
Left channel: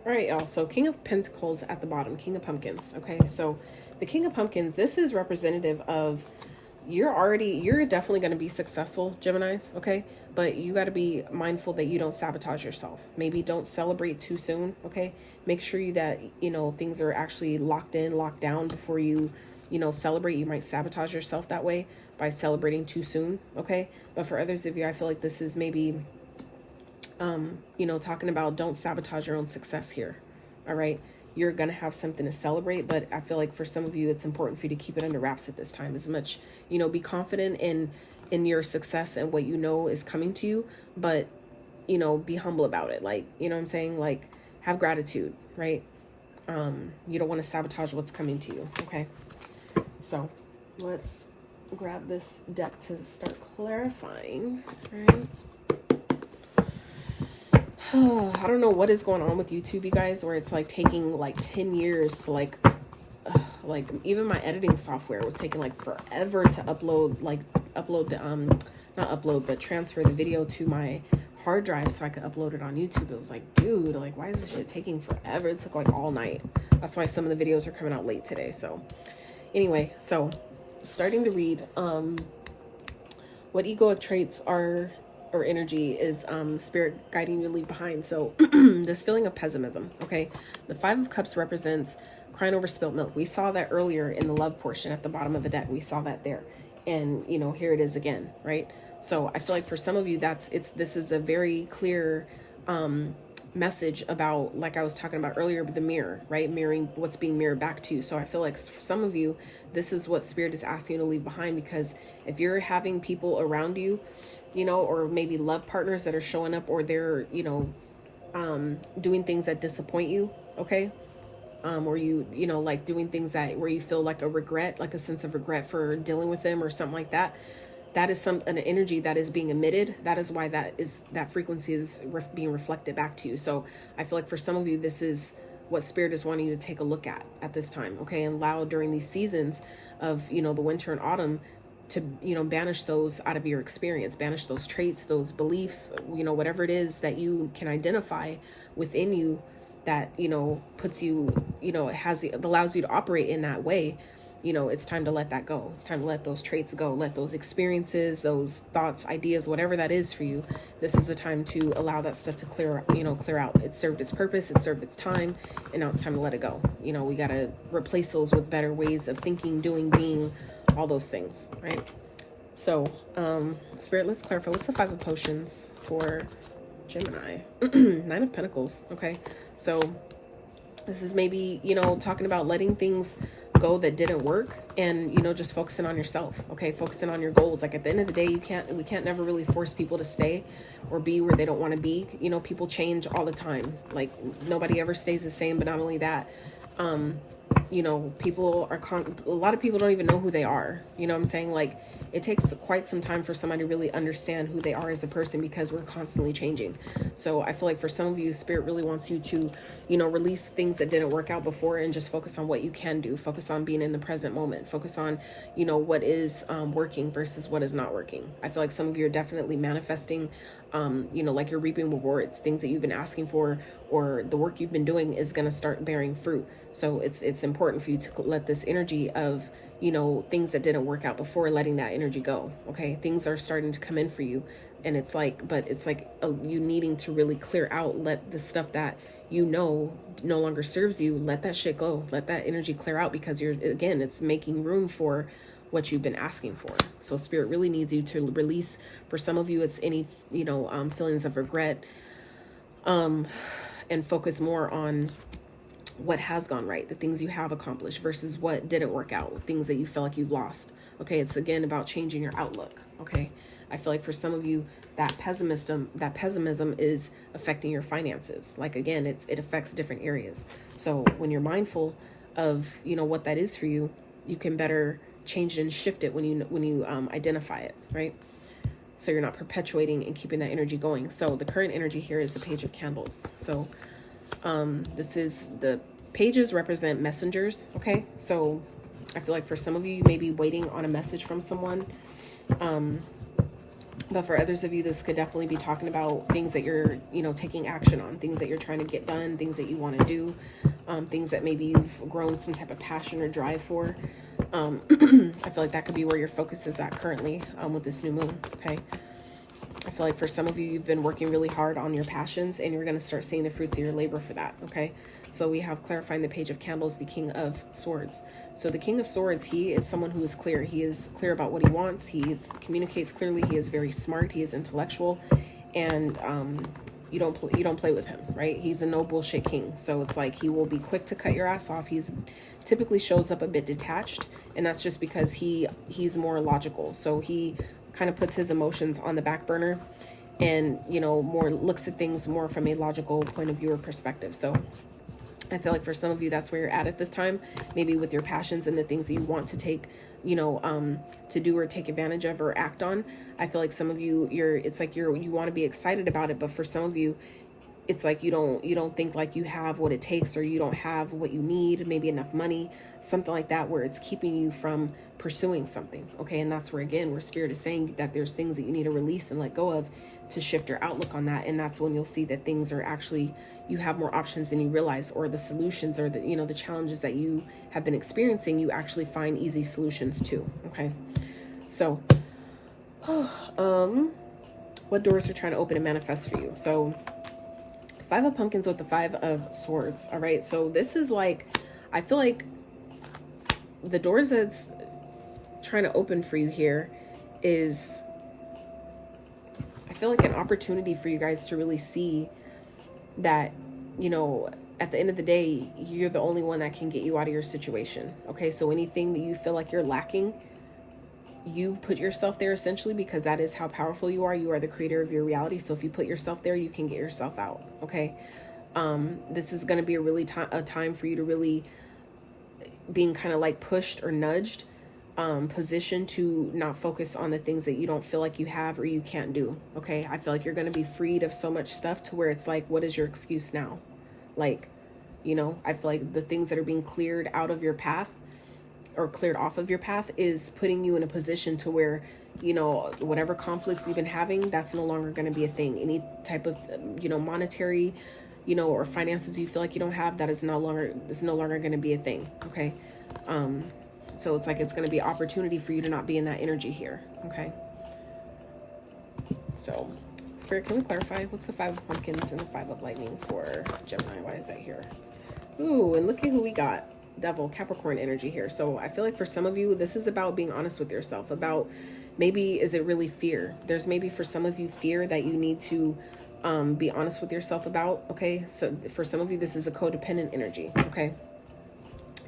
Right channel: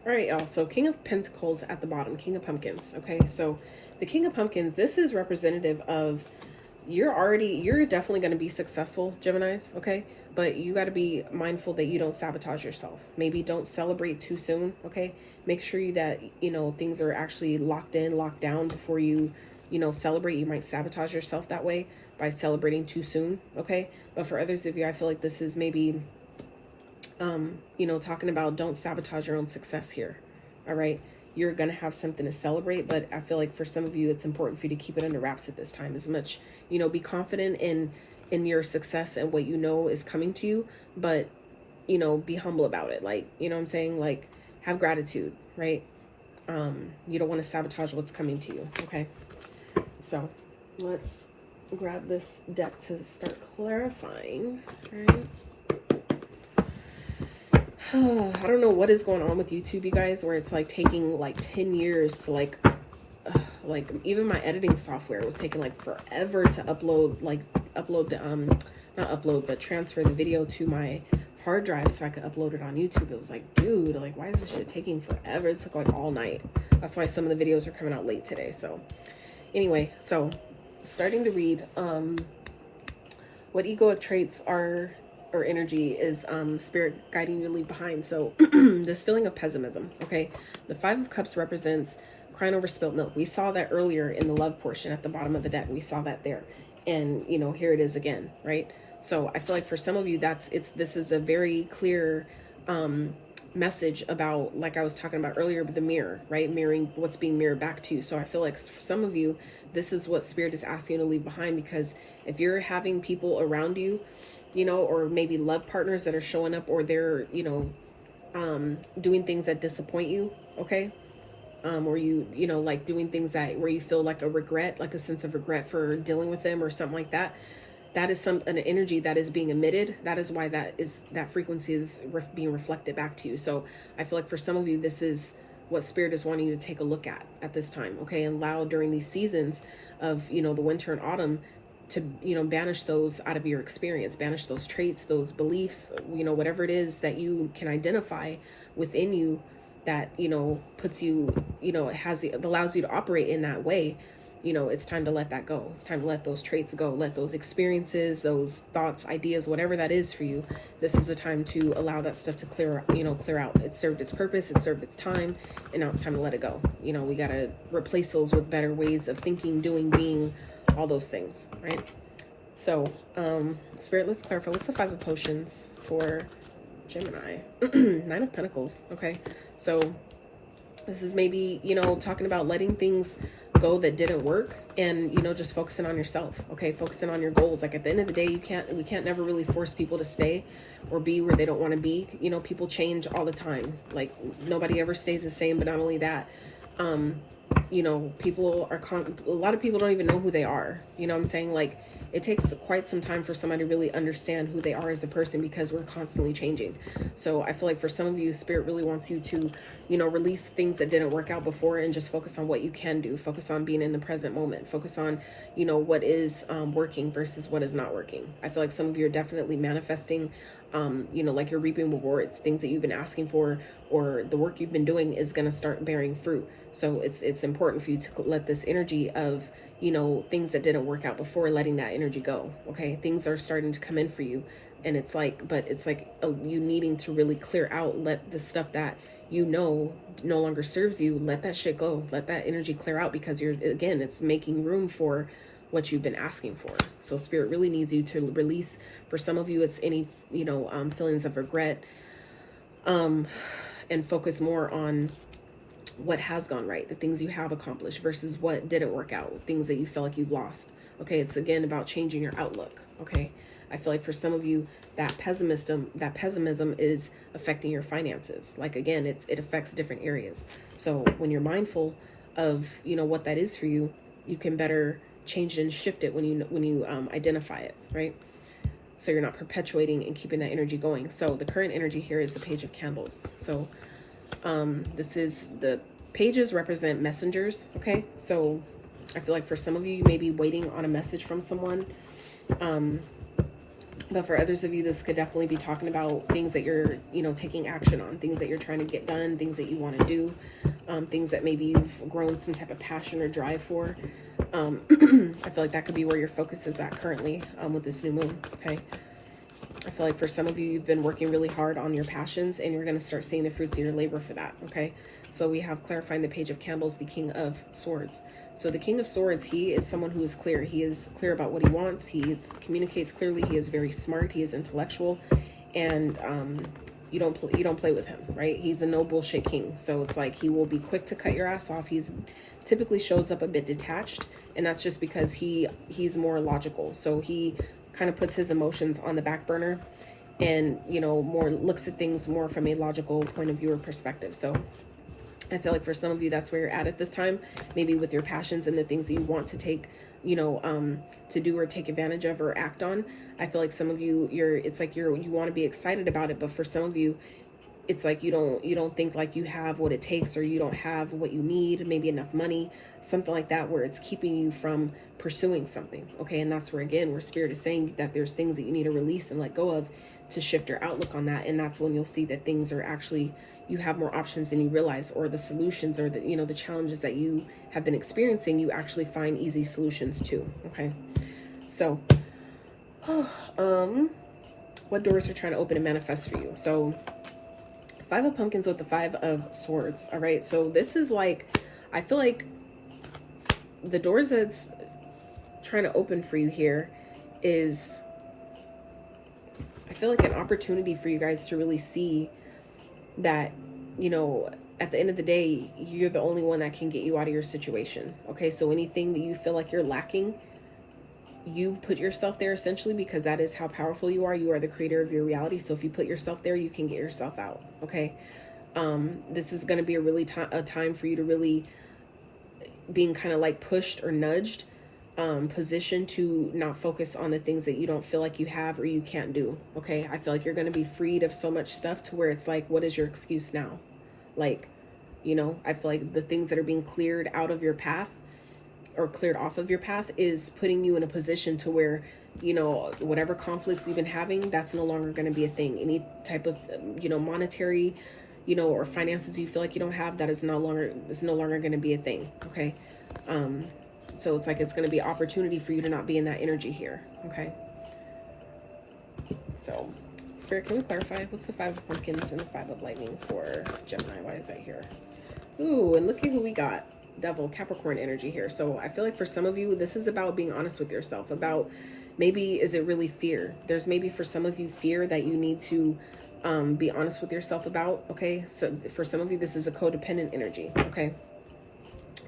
All right, y'all, so King of Pentacles at the bottom, King of Pumpkins, okay. So the King of Pumpkins, this is representative of you're definitely going to be successful, Geminis, okay? But you got to be mindful that you don't sabotage yourself. Maybe don't celebrate too soon, okay? Make sure that, you know, things are actually locked down before you, you know, celebrate. You might sabotage yourself that way by celebrating too soon, okay? But for others of you, I feel like this is maybe, you know, talking about don't sabotage your own success here, all right? You're going to have something to celebrate, but I feel like for some of you, it's important for you to keep it under wraps at this time. As much, you know, be confident in your success and what you know is coming to you, but, you know, be humble about it. Like, you know what I'm saying? Like, have gratitude, right? You don't want to sabotage what's coming to you, okay? So let's grab this deck to start clarifying, right? I don't know what is going on with YouTube, you guys, where it's like taking like 10 years to like even my editing software was taking like forever to transfer the video to my hard drive so I could upload it on YouTube. It was like, dude, like, why is this shit taking forever? It took like all night. That's why some of the videos are coming out late today. So anyway, so starting to read what egoic traits are or energy is Spirit guiding you to leave behind. So this feeling of pessimism, okay? The Five of Cups represents crying over spilt milk. We saw that earlier in the love portion at the bottom of the deck. We saw that there. And, you know, here it is again, right? So I feel like for some of you, this is a very clear message about, like I was talking about earlier, the mirror, right? Mirroring what's being mirrored back to you. So I feel like for some of you, this is what Spirit is asking you to leave behind, because if you're having people around you, you know, or maybe love partners that are showing up, or they're, you know, doing things that disappoint you, okay? Or you know, like doing things where you feel like a regret, like a sense of regret for dealing with them or something like that. That is an energy that is being emitted. That is why that frequency is being reflected back to you. So I feel like for some of you, this is what Spirit is wanting you to take a look at this time, okay? And allow during these seasons of, you know, the winter and autumn to, you know, banish those out of your experience, banish those traits, those beliefs, you know, whatever it is that you can identify within you that, you know, puts you, you know, it allows you to operate in that way. You know, it's time to let that go. It's time to let those traits go, let those experiences, those thoughts, ideas, whatever that is for you. This is the time to allow that stuff to clear out. It served its purpose, it served its time, and now it's time to let it go. You know, we got to replace those with better ways of thinking, doing, being, all those things, right? So, Spirit, let's clarify. What's the Five of Potions for Gemini? Nine of Pentacles, okay? So this is maybe, you know, talking about letting things go that didn't work, and, you know, just focusing on yourself. Okay, focusing on your goals. Like, at the end of the day, we can't never really force people to stay or be where they don't want to be. You know, people change all the time. Like, nobody ever stays the same. But not only that, you know, a lot of people don't even know who they are. You know what I'm saying? Like, it takes quite some time for somebody to really understand who they are as a person, because we're constantly changing. So I feel like for some of you, Spirit really wants you to, you know, release things that didn't work out before and just focus on what you can do. Focus on being in the present moment. Focus on, you know, what is working versus what is not working. I feel like some of you are definitely manifesting, you know, like you're reaping rewards. Things that you've been asking for, or the work you've been doing is going to start bearing fruit. So it's important for you to let this energy of, you know, things that didn't work out before, letting that energy go. Okay, things are starting to come in for you, and it's like, but it's like you needing to really clear out, let the stuff that you know no longer serves you, let that shit go, let that energy clear out, because again, it's making room for what you've been asking for. So Spirit really needs you to release. For some of you, it's any, you know, feelings of regret, and focus more on what has gone right, the things you have accomplished versus what didn't work out, things that you feel like you've lost. Okay, it's again about changing your outlook. Okay, I feel like for some of you, that pessimism is affecting your finances. Like, again, it affects different areas. So when you're mindful of, you know, what that is for you, you can better change it and shift it when you identify it, right? So you're not perpetuating and keeping that energy going. So the current energy here is the Page of Candles. So this is, the pages represent messengers. Okay, so I feel like for some of you, you may be waiting on a message from someone, but for others of you, this could definitely be talking about things that you're, you know, taking action on, things that you're trying to get done, things that you want to do, things that maybe you've grown some type of passion or drive for. I feel like that could be where your focus is at currently, with this new moon. Okay, I feel like for some of you, you've been working really hard on your passions, and you're going to start seeing the fruits of your labor for that. Okay, so we have clarifying the Page of Candles, the King of Swords. So the King of Swords, he is someone who is clear. He is clear about what he wants. He communicates clearly. He is very smart. He is intellectual, and you don't play with him, right? He's a no bullshit king. So it's like he will be quick to cut your ass off. He's typically shows up a bit detached, and that's just because he's more logical. So he kind of puts his emotions on the back burner, and, you know, more looks at things more from a logical point of view or perspective. So I feel like for some of you, that's where you're at this time, maybe with your passions and the things that you want to take, you know, to do or take advantage of or act on. I feel like some of you, it's like you want to be excited about it, but for some of you, it's like you don't think like you have what it takes, or you don't have what you need, maybe enough money, something like that, where it's keeping you from pursuing something. Okay, and that's where, again, where Spirit is saying that there's things that you need to release and let go of to shift your outlook on that. And that's when you'll see that things are actually, you have more options than you realize, or the solutions, or the, you know, the challenges that you have been experiencing, you actually find easy solutions to. Okay, so what doors are trying to open and manifest for you? So 5 of Pumpkins with the 5 of Swords. All right, so this is like, I feel like the doors that's trying to open for you here is, I feel like an opportunity for you guys to really see that, you know, at the end of the day, you're the only one that can get you out of your situation. Okay, so anything that you feel like you're lacking, you put yourself there essentially, because that is how powerful you are. You are the creator of your reality. So if you put yourself there, you can get yourself out. Okay, this is going to be a really a time for you to really being kind of like pushed or nudged, position to not focus on the things that you don't feel like you have or you can't do. Okay, I feel like you're going to be freed of so much stuff to where it's like, what is your excuse now? Like, you know, I feel like the things that are being cleared out of your path or cleared off of your path is putting you in a position to where, you know, whatever conflicts you've been having, that's no longer going to be a thing. Any type of, you know, monetary, you know, or finances you feel like you don't have, that is no longer going to be a thing. Okay, so it's like it's going to be an opportunity for you to not be in that energy here. Okay, so Spirit, can we clarify what's the 5 of Pumpkins and the 5 of Lightning for Gemini? Why is that here? Ooh, and look at who we got. Devil, Capricorn energy here. So I feel like for some of you, this is about being honest with yourself, about maybe, is it really fear? There's maybe for some of you fear that you need to be honest with yourself about. Okay, so for some of you, this is a codependent energy. Okay,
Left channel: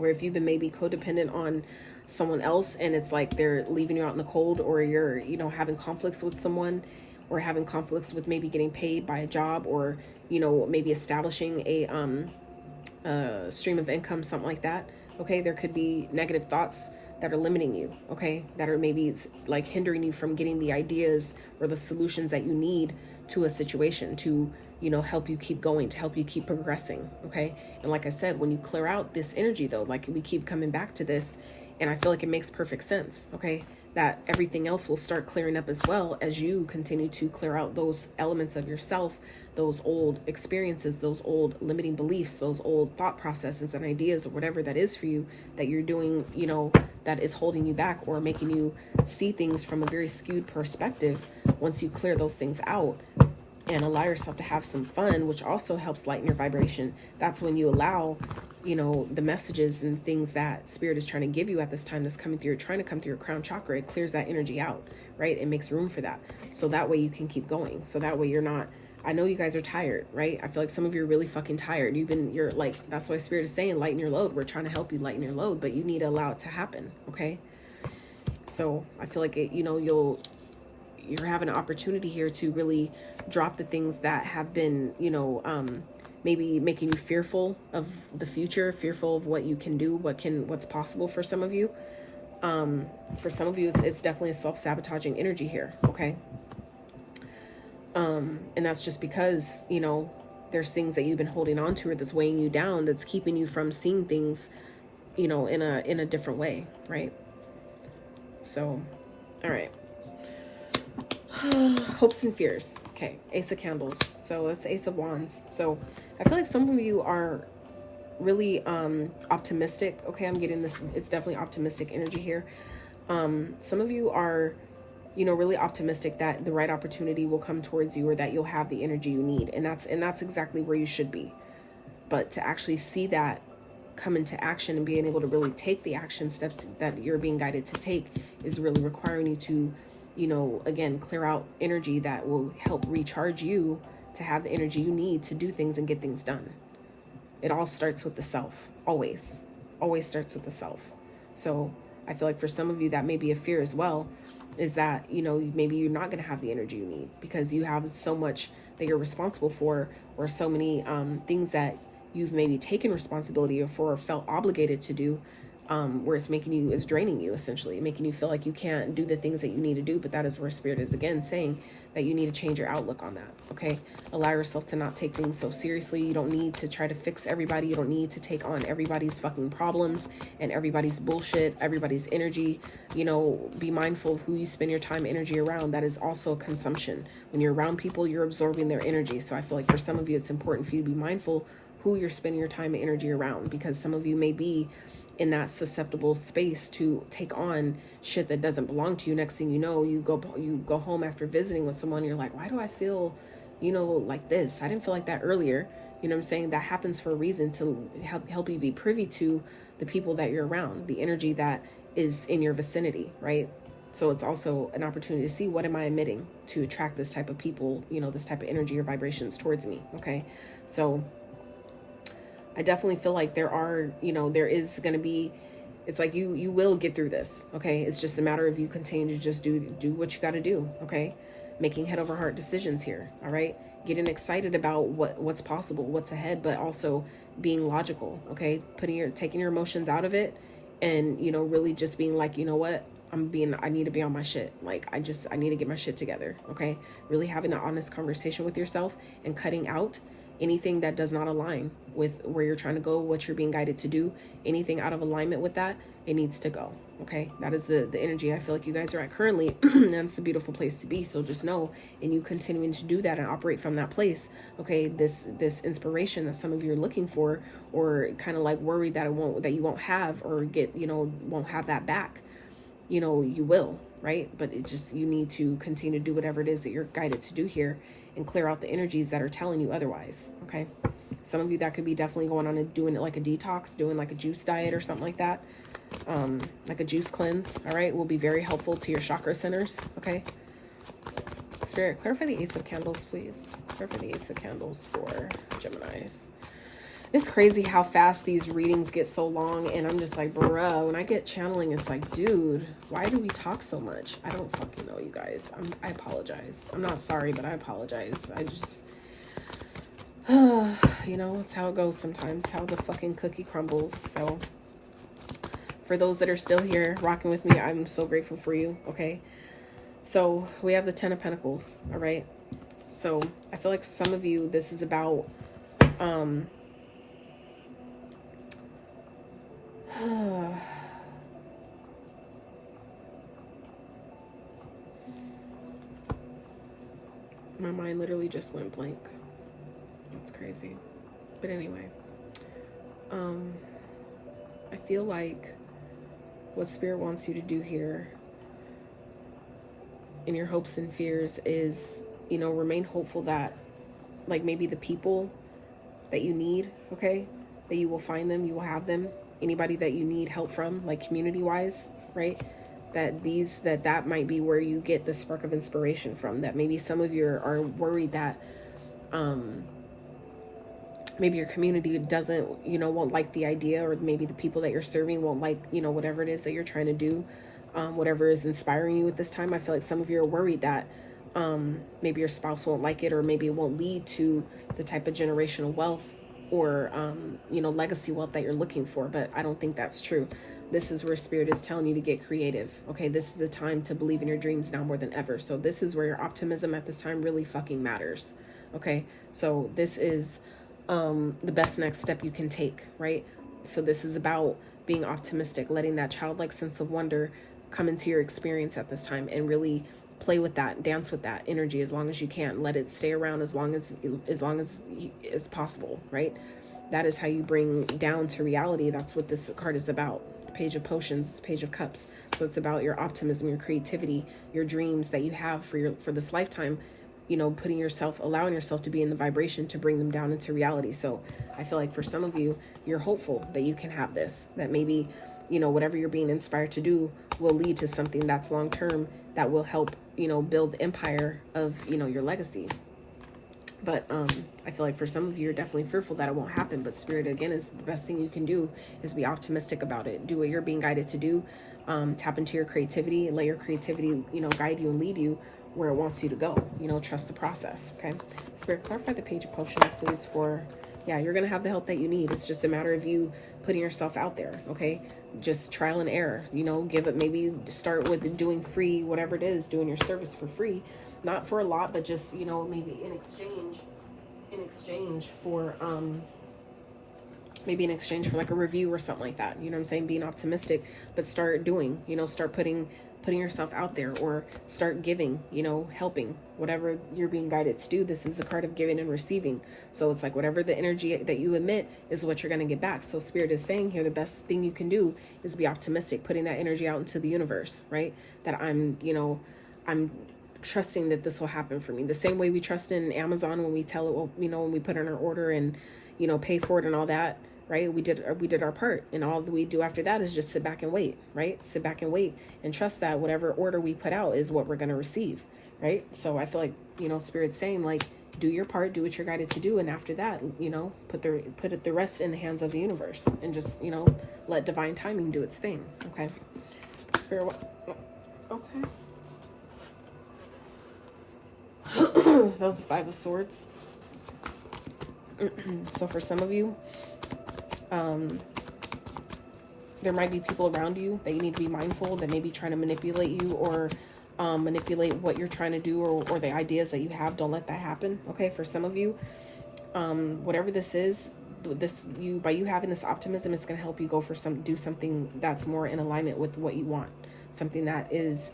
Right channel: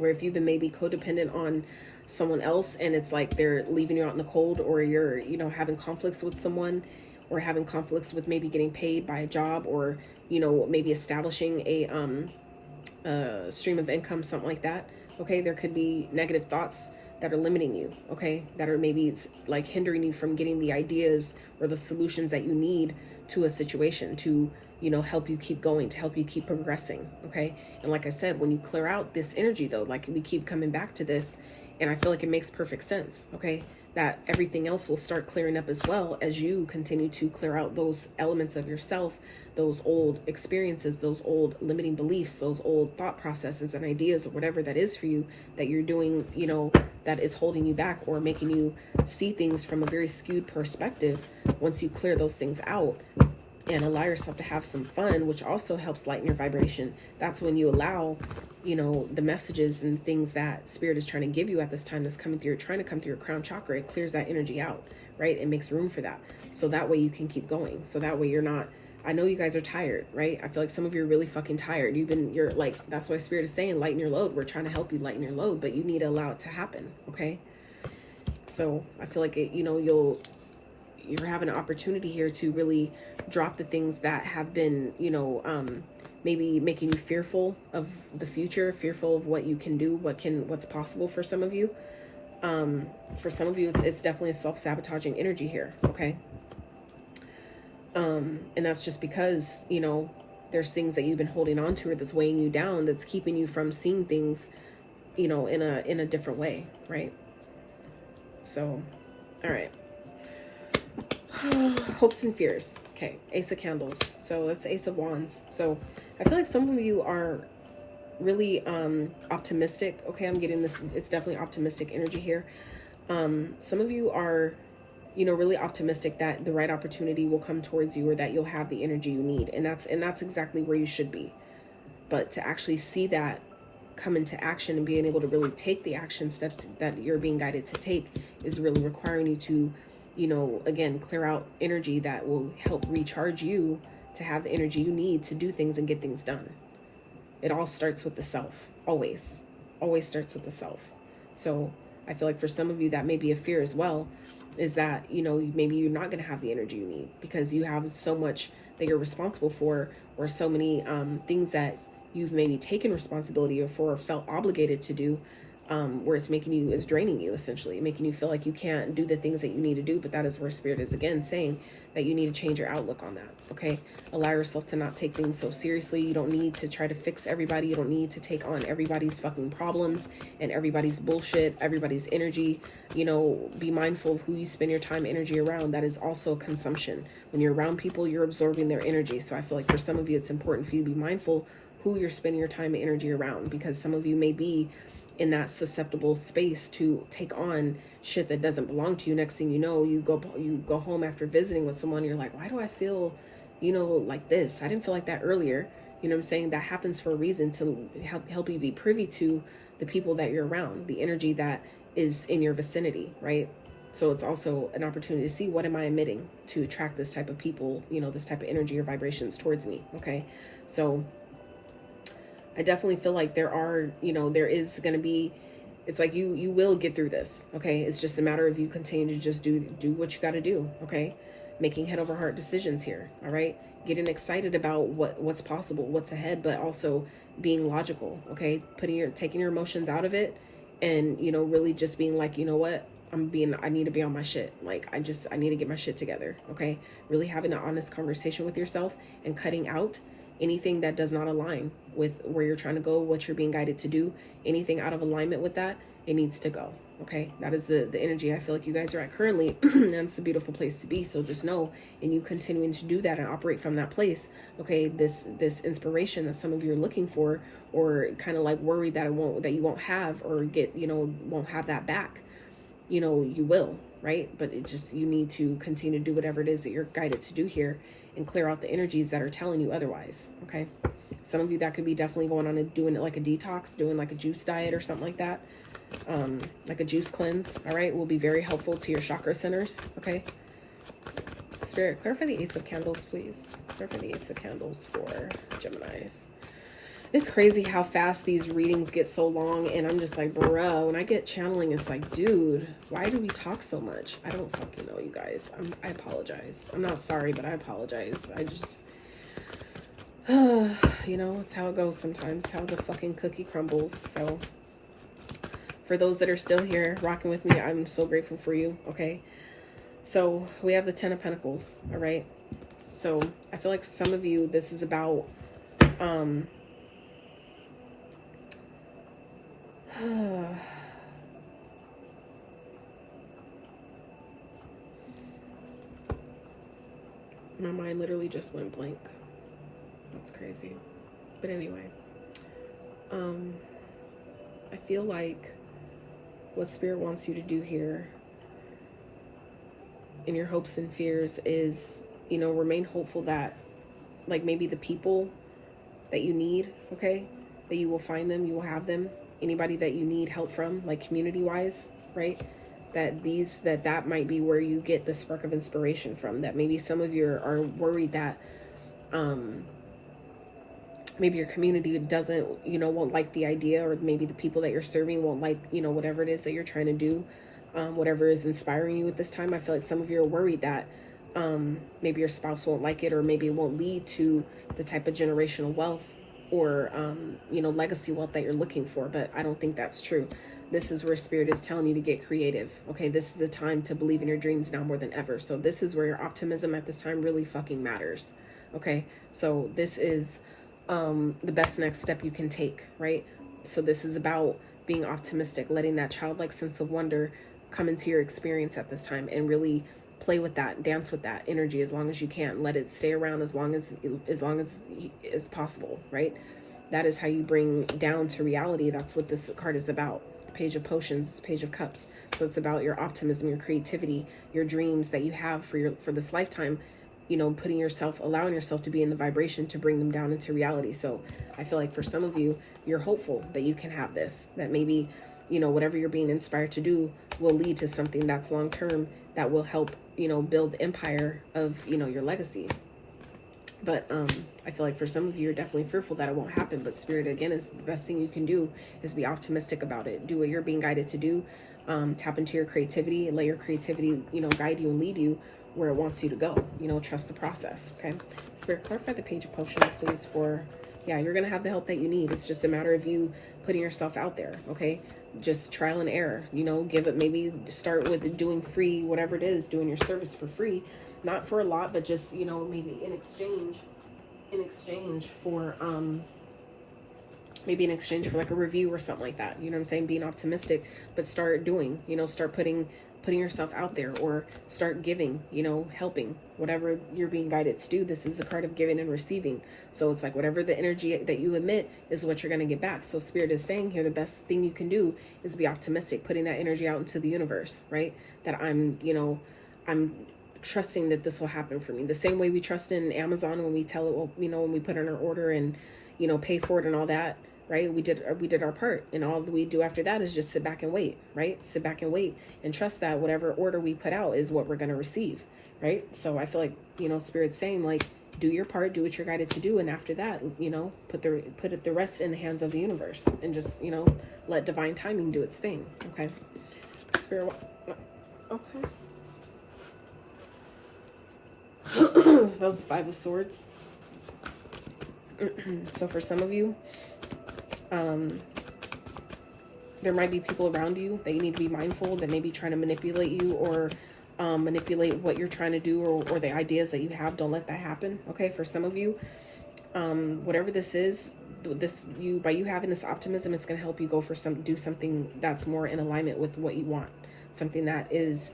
Or if you've been maybe codependent on someone else and it's like they're leaving you out in the cold, or you're, you know, having conflicts with someone, or having conflicts with maybe getting paid by a job, or, you know, maybe establishing a stream of income, something like that. Okay, there could be negative thoughts that are limiting you, okay, that are maybe like hindering you from getting the ideas or the solutions that you need to a situation to, you know, help you keep going, to help you keep progressing, okay? And like I said, when you clear out this energy though, like we keep coming back to this, and I feel like it makes perfect sense, okay, that everything else will start clearing up as well as you continue to clear out those elements of yourself, those old experiences, those old limiting beliefs, those old thought processes and ideas, or whatever that is for you that you're doing, you know, that is holding you back or making you see things from a very skewed perspective. Once you clear those things out and allow yourself to have some fun, which also helps lighten your vibration, that's when you allow, you know, the messages and things that spirit is trying to give you at this time that's coming through, trying to come through your crown chakra. It clears that energy out, right? It makes room for that. So that way you can keep going. So that way you're not, I know you guys are tired, right? I feel like some of you are really fucking tired. You're like, that's why spirit is saying lighten your load. We're trying to help you lighten your load, but you need to allow it to happen, okay? So I feel like it, you know, you're having an opportunity here to really drop the things that have been, you know, maybe making you fearful of the future, fearful of what you can do, what's possible for some of you. For some of you, it's definitely a self-sabotaging energy here, okay? And that's just because, you know, there's things that you've been holding on to or that's weighing you down, that's keeping you from seeing things, you know, in a different way, right? So, all right. Hopes and fears. Okay, Ace of Candles. So that's Ace of Wands. So I feel like some of you are really optimistic. Okay, I'm getting this. It's definitely optimistic energy here. Some of you are, you know, really optimistic that the right opportunity will come towards you, or that you'll have the energy you need, and that's exactly where you should be. But to actually see that come into action and being able to really take the action steps that you're being guided to take is really requiring you to, you know, again, clear out energy that will help recharge you to have the energy you need to do things and get things done. It all starts with the self. Always starts with the self. So I feel like for some of you that may be a fear as well, is that, you know, maybe you're not going to have the energy you need because you have so much that you're responsible for, or so many things that you've maybe taken responsibility for or felt obligated to do, where it's draining you, essentially, making you feel like you can't do the things that you need to do. But that is where spirit is again saying that you need to change your outlook on that. Okay, allow yourself to not take things so seriously. You don't need to try to fix everybody. You don't need to take on everybody's fucking problems and everybody's bullshit, everybody's energy. You know, be mindful of who you spend your time, energy around. That is also consumption. When you're around people, you're absorbing their energy. So I feel like for some of you, it's important for you to be mindful who you're spending your time and energy around, because some of you may be in that susceptible space to take on shit that doesn't belong to you. Next thing you know, you go home after visiting with someone, you're like, why do I feel, you know, like this? I didn't feel like that earlier. You know what I'm saying? That happens for a reason, to help you be privy to the people that you're around, the energy that is in your vicinity, right? So it's also an opportunity to see, what am I emitting to attract this type of people, you know, this type of energy or vibrations towards me, okay? So I definitely feel like there is going to be, it's like you will get through this, okay? It's just a matter of you continue to just do what you got to do, okay? Making head over heart decisions here, all right? Getting excited about what's possible, what's ahead, but also being logical, okay? Taking your emotions out of it, and, you know, really just being like, you know what? I need to be on my shit. Like, I need to get my shit together, okay? Really having an honest conversation with yourself and cutting out anything that does not align with where you're trying to go, what you're being guided to do. Anything out of alignment with that, it needs to go, okay? That is the energy I feel like you guys are at currently, and it's a beautiful place to be. So just know, and you continuing to do that and operate from that place, okay, this inspiration that some of you are looking for, or kind of like worried that you won't have, or get, you know, won't have that back, you know, you will, right? But you need to continue to do whatever it is that you're guided to do here, and clear out the energies that are telling you otherwise, okay? Some of you, that could be definitely going on and doing it like a detox, doing like a juice diet or something like that, like a juice cleanse, all right? Will be very helpful to your chakra centers, okay? Spirit, clarify the Ace of Candles, please. Clarify the Ace of Candles for Geminis. It's crazy how fast these readings get so long, and I'm just like, bro, when I get channeling, it's like, dude, why do we talk so much? I don't fucking know, you guys. I apologize. I'm not sorry, but I apologize. I just, you know, it's how it goes sometimes, how the fucking cookie crumbles. So for those that are still here rocking with me, I'm so grateful for you, okay? So we have the 10 of Pentacles, all right? So I feel like for some of you, this is about, my mind literally just went blank. That's crazy. But anyway, I feel like what Spirit wants you to do here in your hopes and fears is, you know, remain hopeful that, like, maybe the people that you need, okay, that you will find them, you will have them. Anybody that you need help from, like community wise, right? That might be where you get the spark of inspiration from. That maybe some of you are worried that maybe your community doesn't, you know, won't like the idea, or maybe the people that you're serving won't like, you know, whatever it is that you're trying to do, whatever is inspiring you at this time. I feel like some of you are worried that maybe your spouse won't like it, or maybe it won't lead to the type of generational wealth or you know, legacy wealth that you're looking for. But I don't think that's true. This is where Spirit is telling you to get creative, okay? This is the time to believe in your dreams now more than ever. So this is where your optimism at this time really fucking matters, okay? So this is the best next step you can take, right? So this is about being optimistic, letting that childlike sense of wonder come into your experience at this time, and really play with that, dance with that energy as long as you can. Let it stay around as long as possible, right? That is how you bring down to reality. That's what this card is about. Page of Potions, Page of Cups. So it's about your optimism, your creativity, your dreams that you have for this lifetime. You know, allowing yourself to be in the vibration to bring them down into reality. So I feel like for some of you, you're hopeful that you can have this, that maybe, you know, whatever you're being inspired to do will lead to something that's long-term, that will help, you know, build the empire of, you know, your legacy. But I feel like for some of you, you're definitely fearful that it won't happen. But Spirit, again, is the best thing you can do is be optimistic about it. Do what you're being guided to do. Tap into your creativity and let your creativity, you know, guide you and lead you where it wants you to go. You know, trust the process, okay? Spirit, clarify the Page of Potions, please, for, yeah, you're going to have the help that you need. It's just a matter of you putting yourself out there, okay? Just trial and error, you know, give it, maybe start with doing free, whatever it is, doing your service for free. Not for a lot, but just, you know, maybe in exchange for, maybe in exchange for like a review or something like that. You know what I'm saying? Being optimistic, but start doing, you know, start putting yourself out there, or start giving, you know, helping, whatever you're being guided to do. This is a card of giving and receiving. So it's like whatever the energy that you emit is what you're going to get back. So Spirit is saying here, the best thing you can do is be optimistic, putting that energy out into the universe, right? That I'm trusting that this will happen for me. The same way we trust in Amazon when we tell it, well, you know, when we put in our order and, you know, pay for it and all that, right? We did our part, and all that we do after that is just sit back and wait, right? Sit back and wait and trust that whatever order we put out is what we're going to receive, right? So I feel like, you know, Spirit's saying, like, do your part, do what you're guided to do, and after that, you know, put the rest in the hands of the universe, and just, you know, let divine timing do its thing, okay? Spirit, okay. That was the Five of Swords. So for some of you, there might be people around you that you need to be mindful that may be trying to manipulate you, or manipulate what you're trying to do, or the ideas that you have. Don't let that happen, okay? For some of you, whatever this is, by you having this optimism, it's going to help you go do something that's more in alignment with what you want, something that is,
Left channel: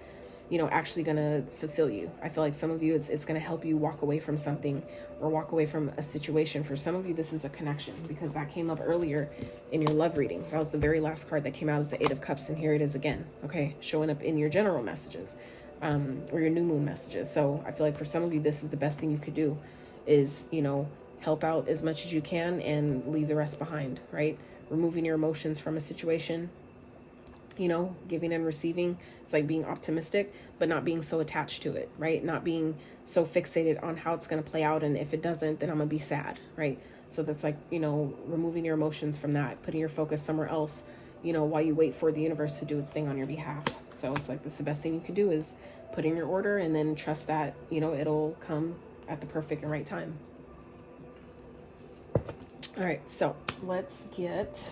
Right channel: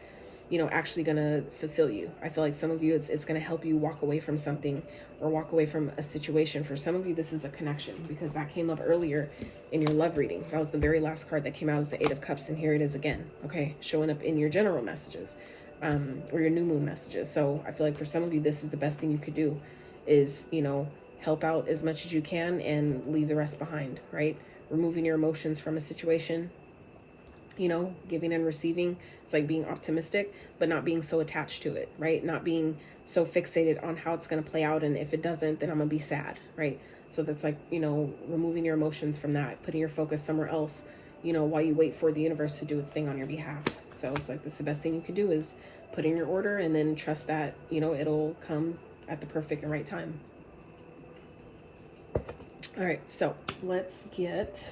you know, actually going to fulfill you. I feel like some of you, it's going to help you walk away from something, or walk away from a situation. For some of you, this is a connection, because that came up earlier in your love reading. That was the very last card that came out, is the Eight of Cups, and here it is again, okay? Showing up in your general messages, or your new moon messages. So I feel like for some of you, this is the best thing you could do, is, you know, help out as much as you can and leave the rest behind, right? Removing your emotions from a situation, you know, giving and receiving. It's like being optimistic, but not being so attached to it, right? Not being so fixated on how it's going to play out, and if it doesn't, then I'm going to be sad, right? So that's like, you know, removing your emotions from that, putting your focus somewhere else, you know, while you wait for the universe to do its thing on your behalf. So it's like, that's the best thing you can do, is put in your order and then trust that, you know, it'll come at the perfect and right time. All right, so let's get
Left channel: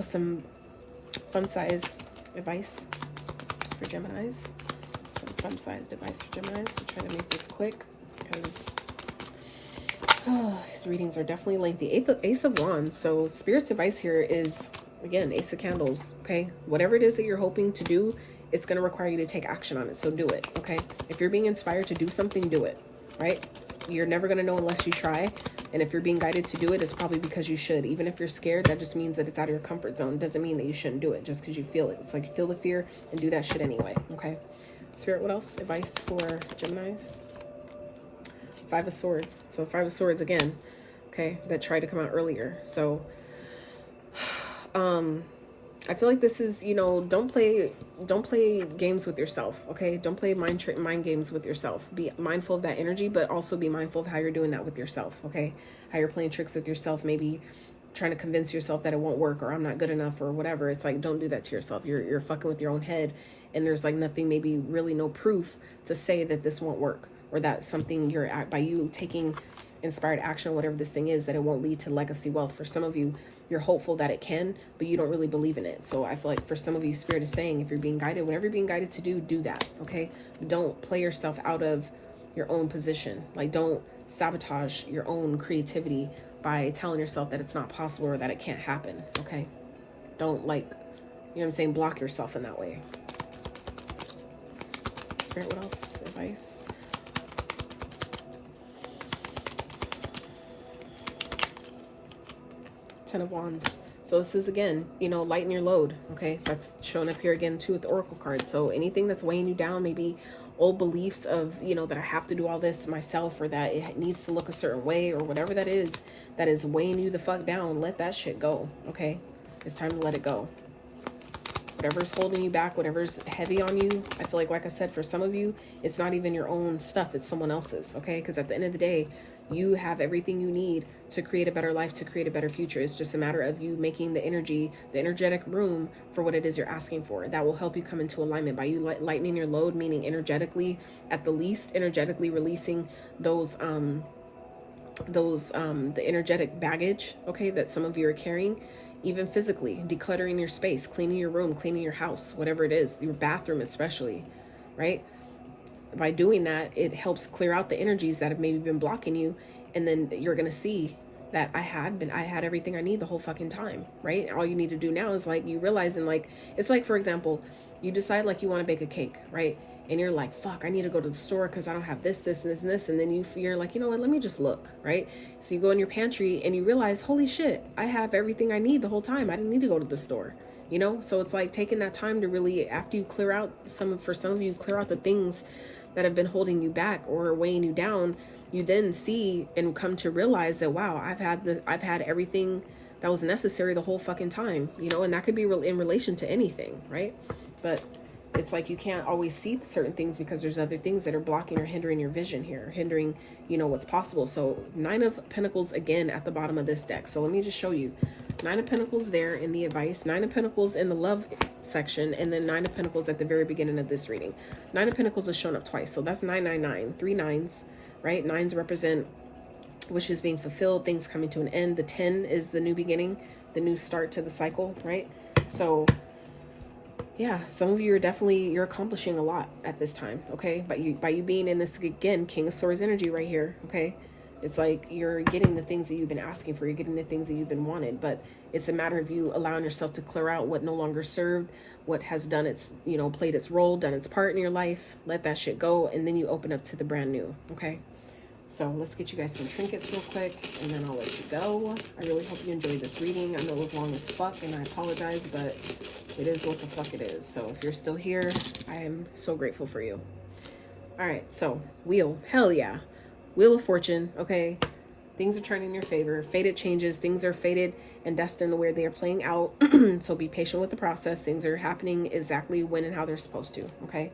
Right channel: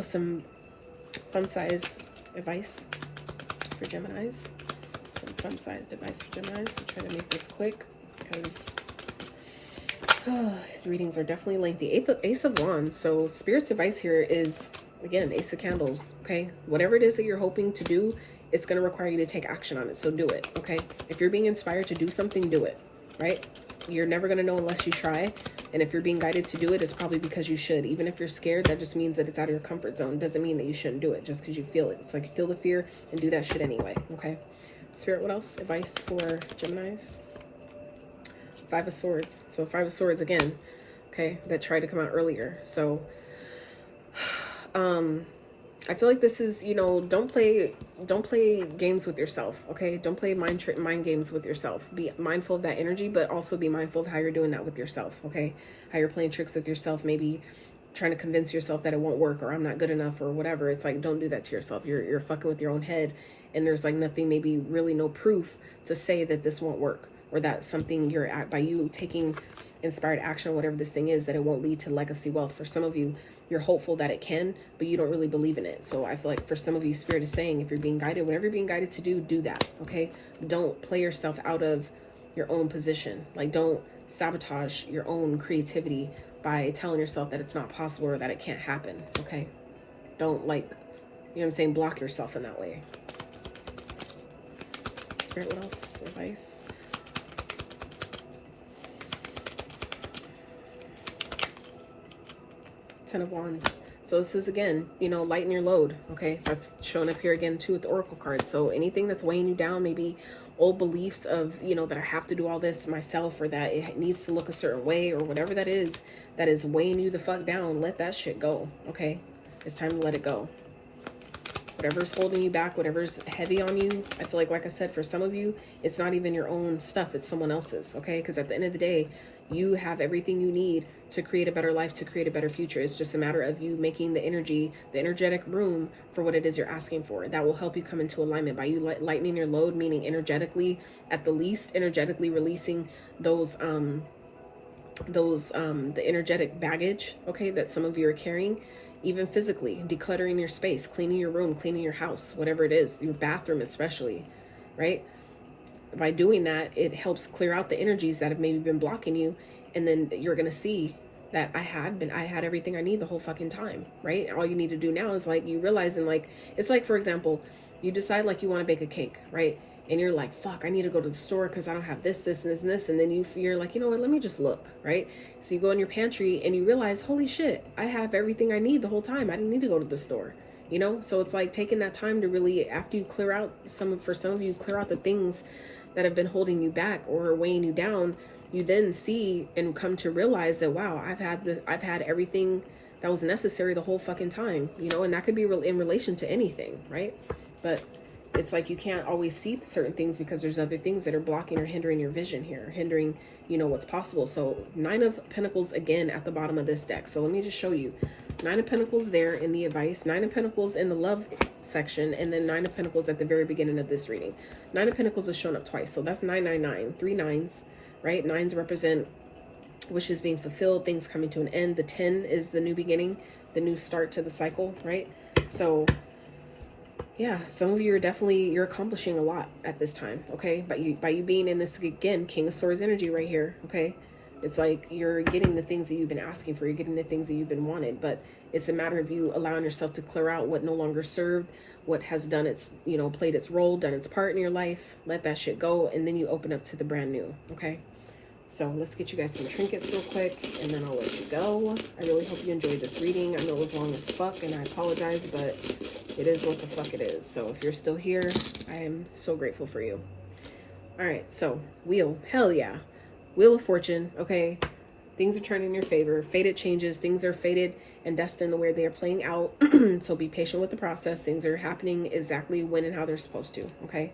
some fun-sized advice for Geminis. Some fun-sized advice for Geminis. I'm trying to make this quick because these readings are definitely lengthy. Ace of Wands. So Spirit's advice here is, again, Ace of Candles, okay? Whatever it is that you're hoping to do, it's going to require you to take action on it, so do it, okay? If you're being inspired to do something, do it, right? You're never going to know unless you try. And if you're being guided to do it, it's probably because you should. Even if you're scared, that just means that it's out of your comfort zone. It doesn't mean that you shouldn't do it just because you feel it. It's like you feel the fear and do that shit anyway, okay? Spirit, what else? Advice for Geminis? Five of Swords. So Five of Swords again, okay, that tried to come out earlier. So I feel like this is, you know, don't play games with yourself, okay? Don't play mind games with yourself. Be mindful of that energy, but also be mindful of how you're doing that with yourself, okay? How you're playing tricks with yourself, maybe trying to convince yourself that it won't work, or I'm not good enough, or whatever. It's like, don't do that to yourself. You're fucking with your own head, and there's like nothing, maybe really no proof to say that this won't work, or that something you're at, by you taking inspired action, whatever this thing is, that it won't lead to legacy wealth. For some of you, you're hopeful that it can, but you don't really believe in it. So I feel like for some of you, Spirit is saying, if you're being guided, whatever you're being guided to do that, okay? Don't play yourself out of your own position. Like, don't sabotage your own creativity by telling yourself that it's not possible or that it can't happen, okay? Don't, like, you know what I'm saying, block yourself in that way. Spirit, what else? Advice? Ten of Wands. So this is, again, you know, lighten your load, okay? That's shown up here again too with the Oracle card. So anything that's weighing you down, maybe old beliefs of, you know, that I have to do all this myself, or that it needs to look a certain way, or whatever that is weighing you the fuck down, let that shit go, okay? It's time to let it go. Whatever's holding you back, whatever's heavy on you, I feel like I said, for some of you, it's not even your own stuff, it's someone else's, okay? Because at the end of the day, you have everything you need to create a better life, to create a better future. It's just a matter of you making the energetic room for what it is you're asking for. That will help you come into alignment by you lightening your load, meaning energetically, at the least, energetically releasing those the energetic baggage, okay, that some of you are carrying. Even physically, decluttering your space, cleaning your room, cleaning your house, whatever it is, your bathroom especially, right? By doing that, it helps clear out the energies that have maybe been blocking you, and then you're gonna see that I had everything I need the whole fucking time, right? All you need to do now is, like, you realizing, like, it's like, for example, you decide like you want to bake a cake, right? And you're like, fuck, I need to go to the store because I don't have this, this, and this, and this. And then you're like, you know what, let me just look, right? So you go in your pantry and you realize, holy shit, I have everything I need the whole time. I didn't need to go to the store, you know? So it's like taking that time to really, after you clear out for some of you, clear out the things that have been holding you back or weighing you down. You then see and come to realize that, wow, I've had everything that was necessary the whole fucking time, you know? And that could be in relation to anything, right? But it's like you can't always see certain things because there's other things that are blocking or hindering your vision here, hindering, you know, what's possible. So Nine of Pentacles again at the bottom of this deck. So let me just show you. Nine of Pentacles there in the advice, Nine of Pentacles in the love section, and then Nine of Pentacles at the very beginning of this reading. Nine of Pentacles is shown up twice. So that's 999, 3 nines, right? Nines represent wishes being fulfilled, things coming to an end. The 10 is the new beginning, the new start to the cycle, right? So yeah, some of you are you're accomplishing a lot at this time, okay? By you being in this, again, King of Swords energy right here, okay? It's like you're getting the things that you've been asking for, you're getting the things that you've been wanted, but it's a matter of you allowing yourself to clear out what no longer served, what has done its, you know, played its role, done its part in your life, let that shit go, and then you open up to the brand new, okay? So let's get you guys some trinkets real quick, and then I'll let you go. I really hope you enjoyed this reading. I know it was long as fuck, and I apologize, but it is what the fuck it is. So if you're still here, I am so grateful for you. All right, so Wheel, hell yeah. Wheel of Fortune, okay? Things are turning in your favor. Fated changes. Things are fated and destined the way they are playing out. So be patient with the process. Things are happening exactly when and how they're supposed to, okay?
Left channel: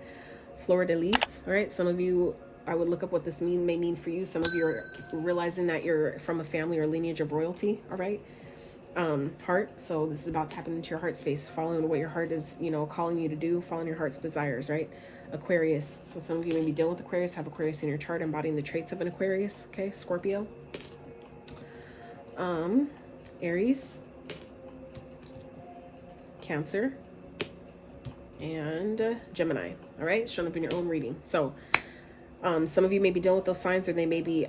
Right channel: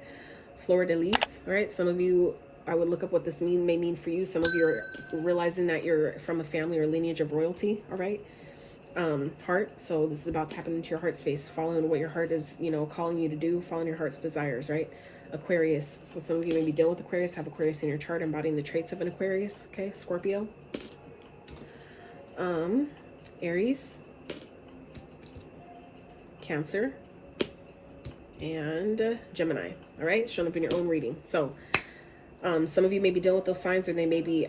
Fleur de Lis, all right? Some of you I would look up what this may mean for you. Some of you are realizing that you're from a family or lineage of royalty, all right? Heart. So this is about tapping into your heart space, following what your heart is, you know, calling you to do, following your heart's desires, right? Aquarius. So some of you may be dealing with Aquarius, have Aquarius in your chart, embodying the traits of an Aquarius, okay? Scorpio. Aries. Cancer. And Gemini, all right? Showing up in your own reading. So some of you may be dealing with those signs, or they may be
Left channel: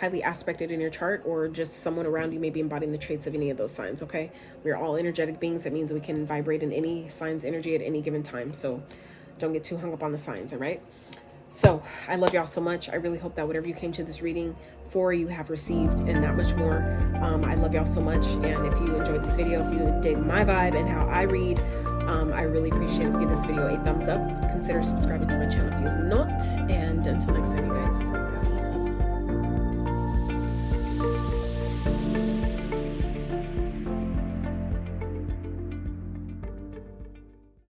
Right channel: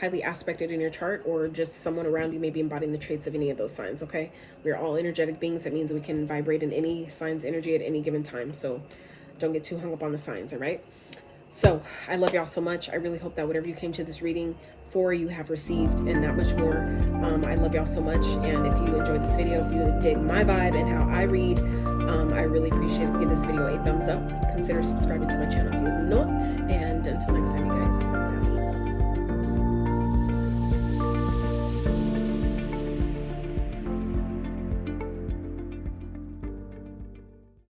highly aspected in your chart, or just someone around you may be embodying the traits of any of those signs, okay? We're all energetic beings. That means we can vibrate in any sign's energy at any given time. So don't get too hung up on the signs, all right? So I love y'all so much. I really hope that whatever you came to this reading for, you have received, and that much more. I love y'all so much. And if you enjoyed this video, if you dig my vibe and how I read, I really appreciate it. Give this video a thumbs up. Consider subscribing to my channel if you're not. And until next time, you guys.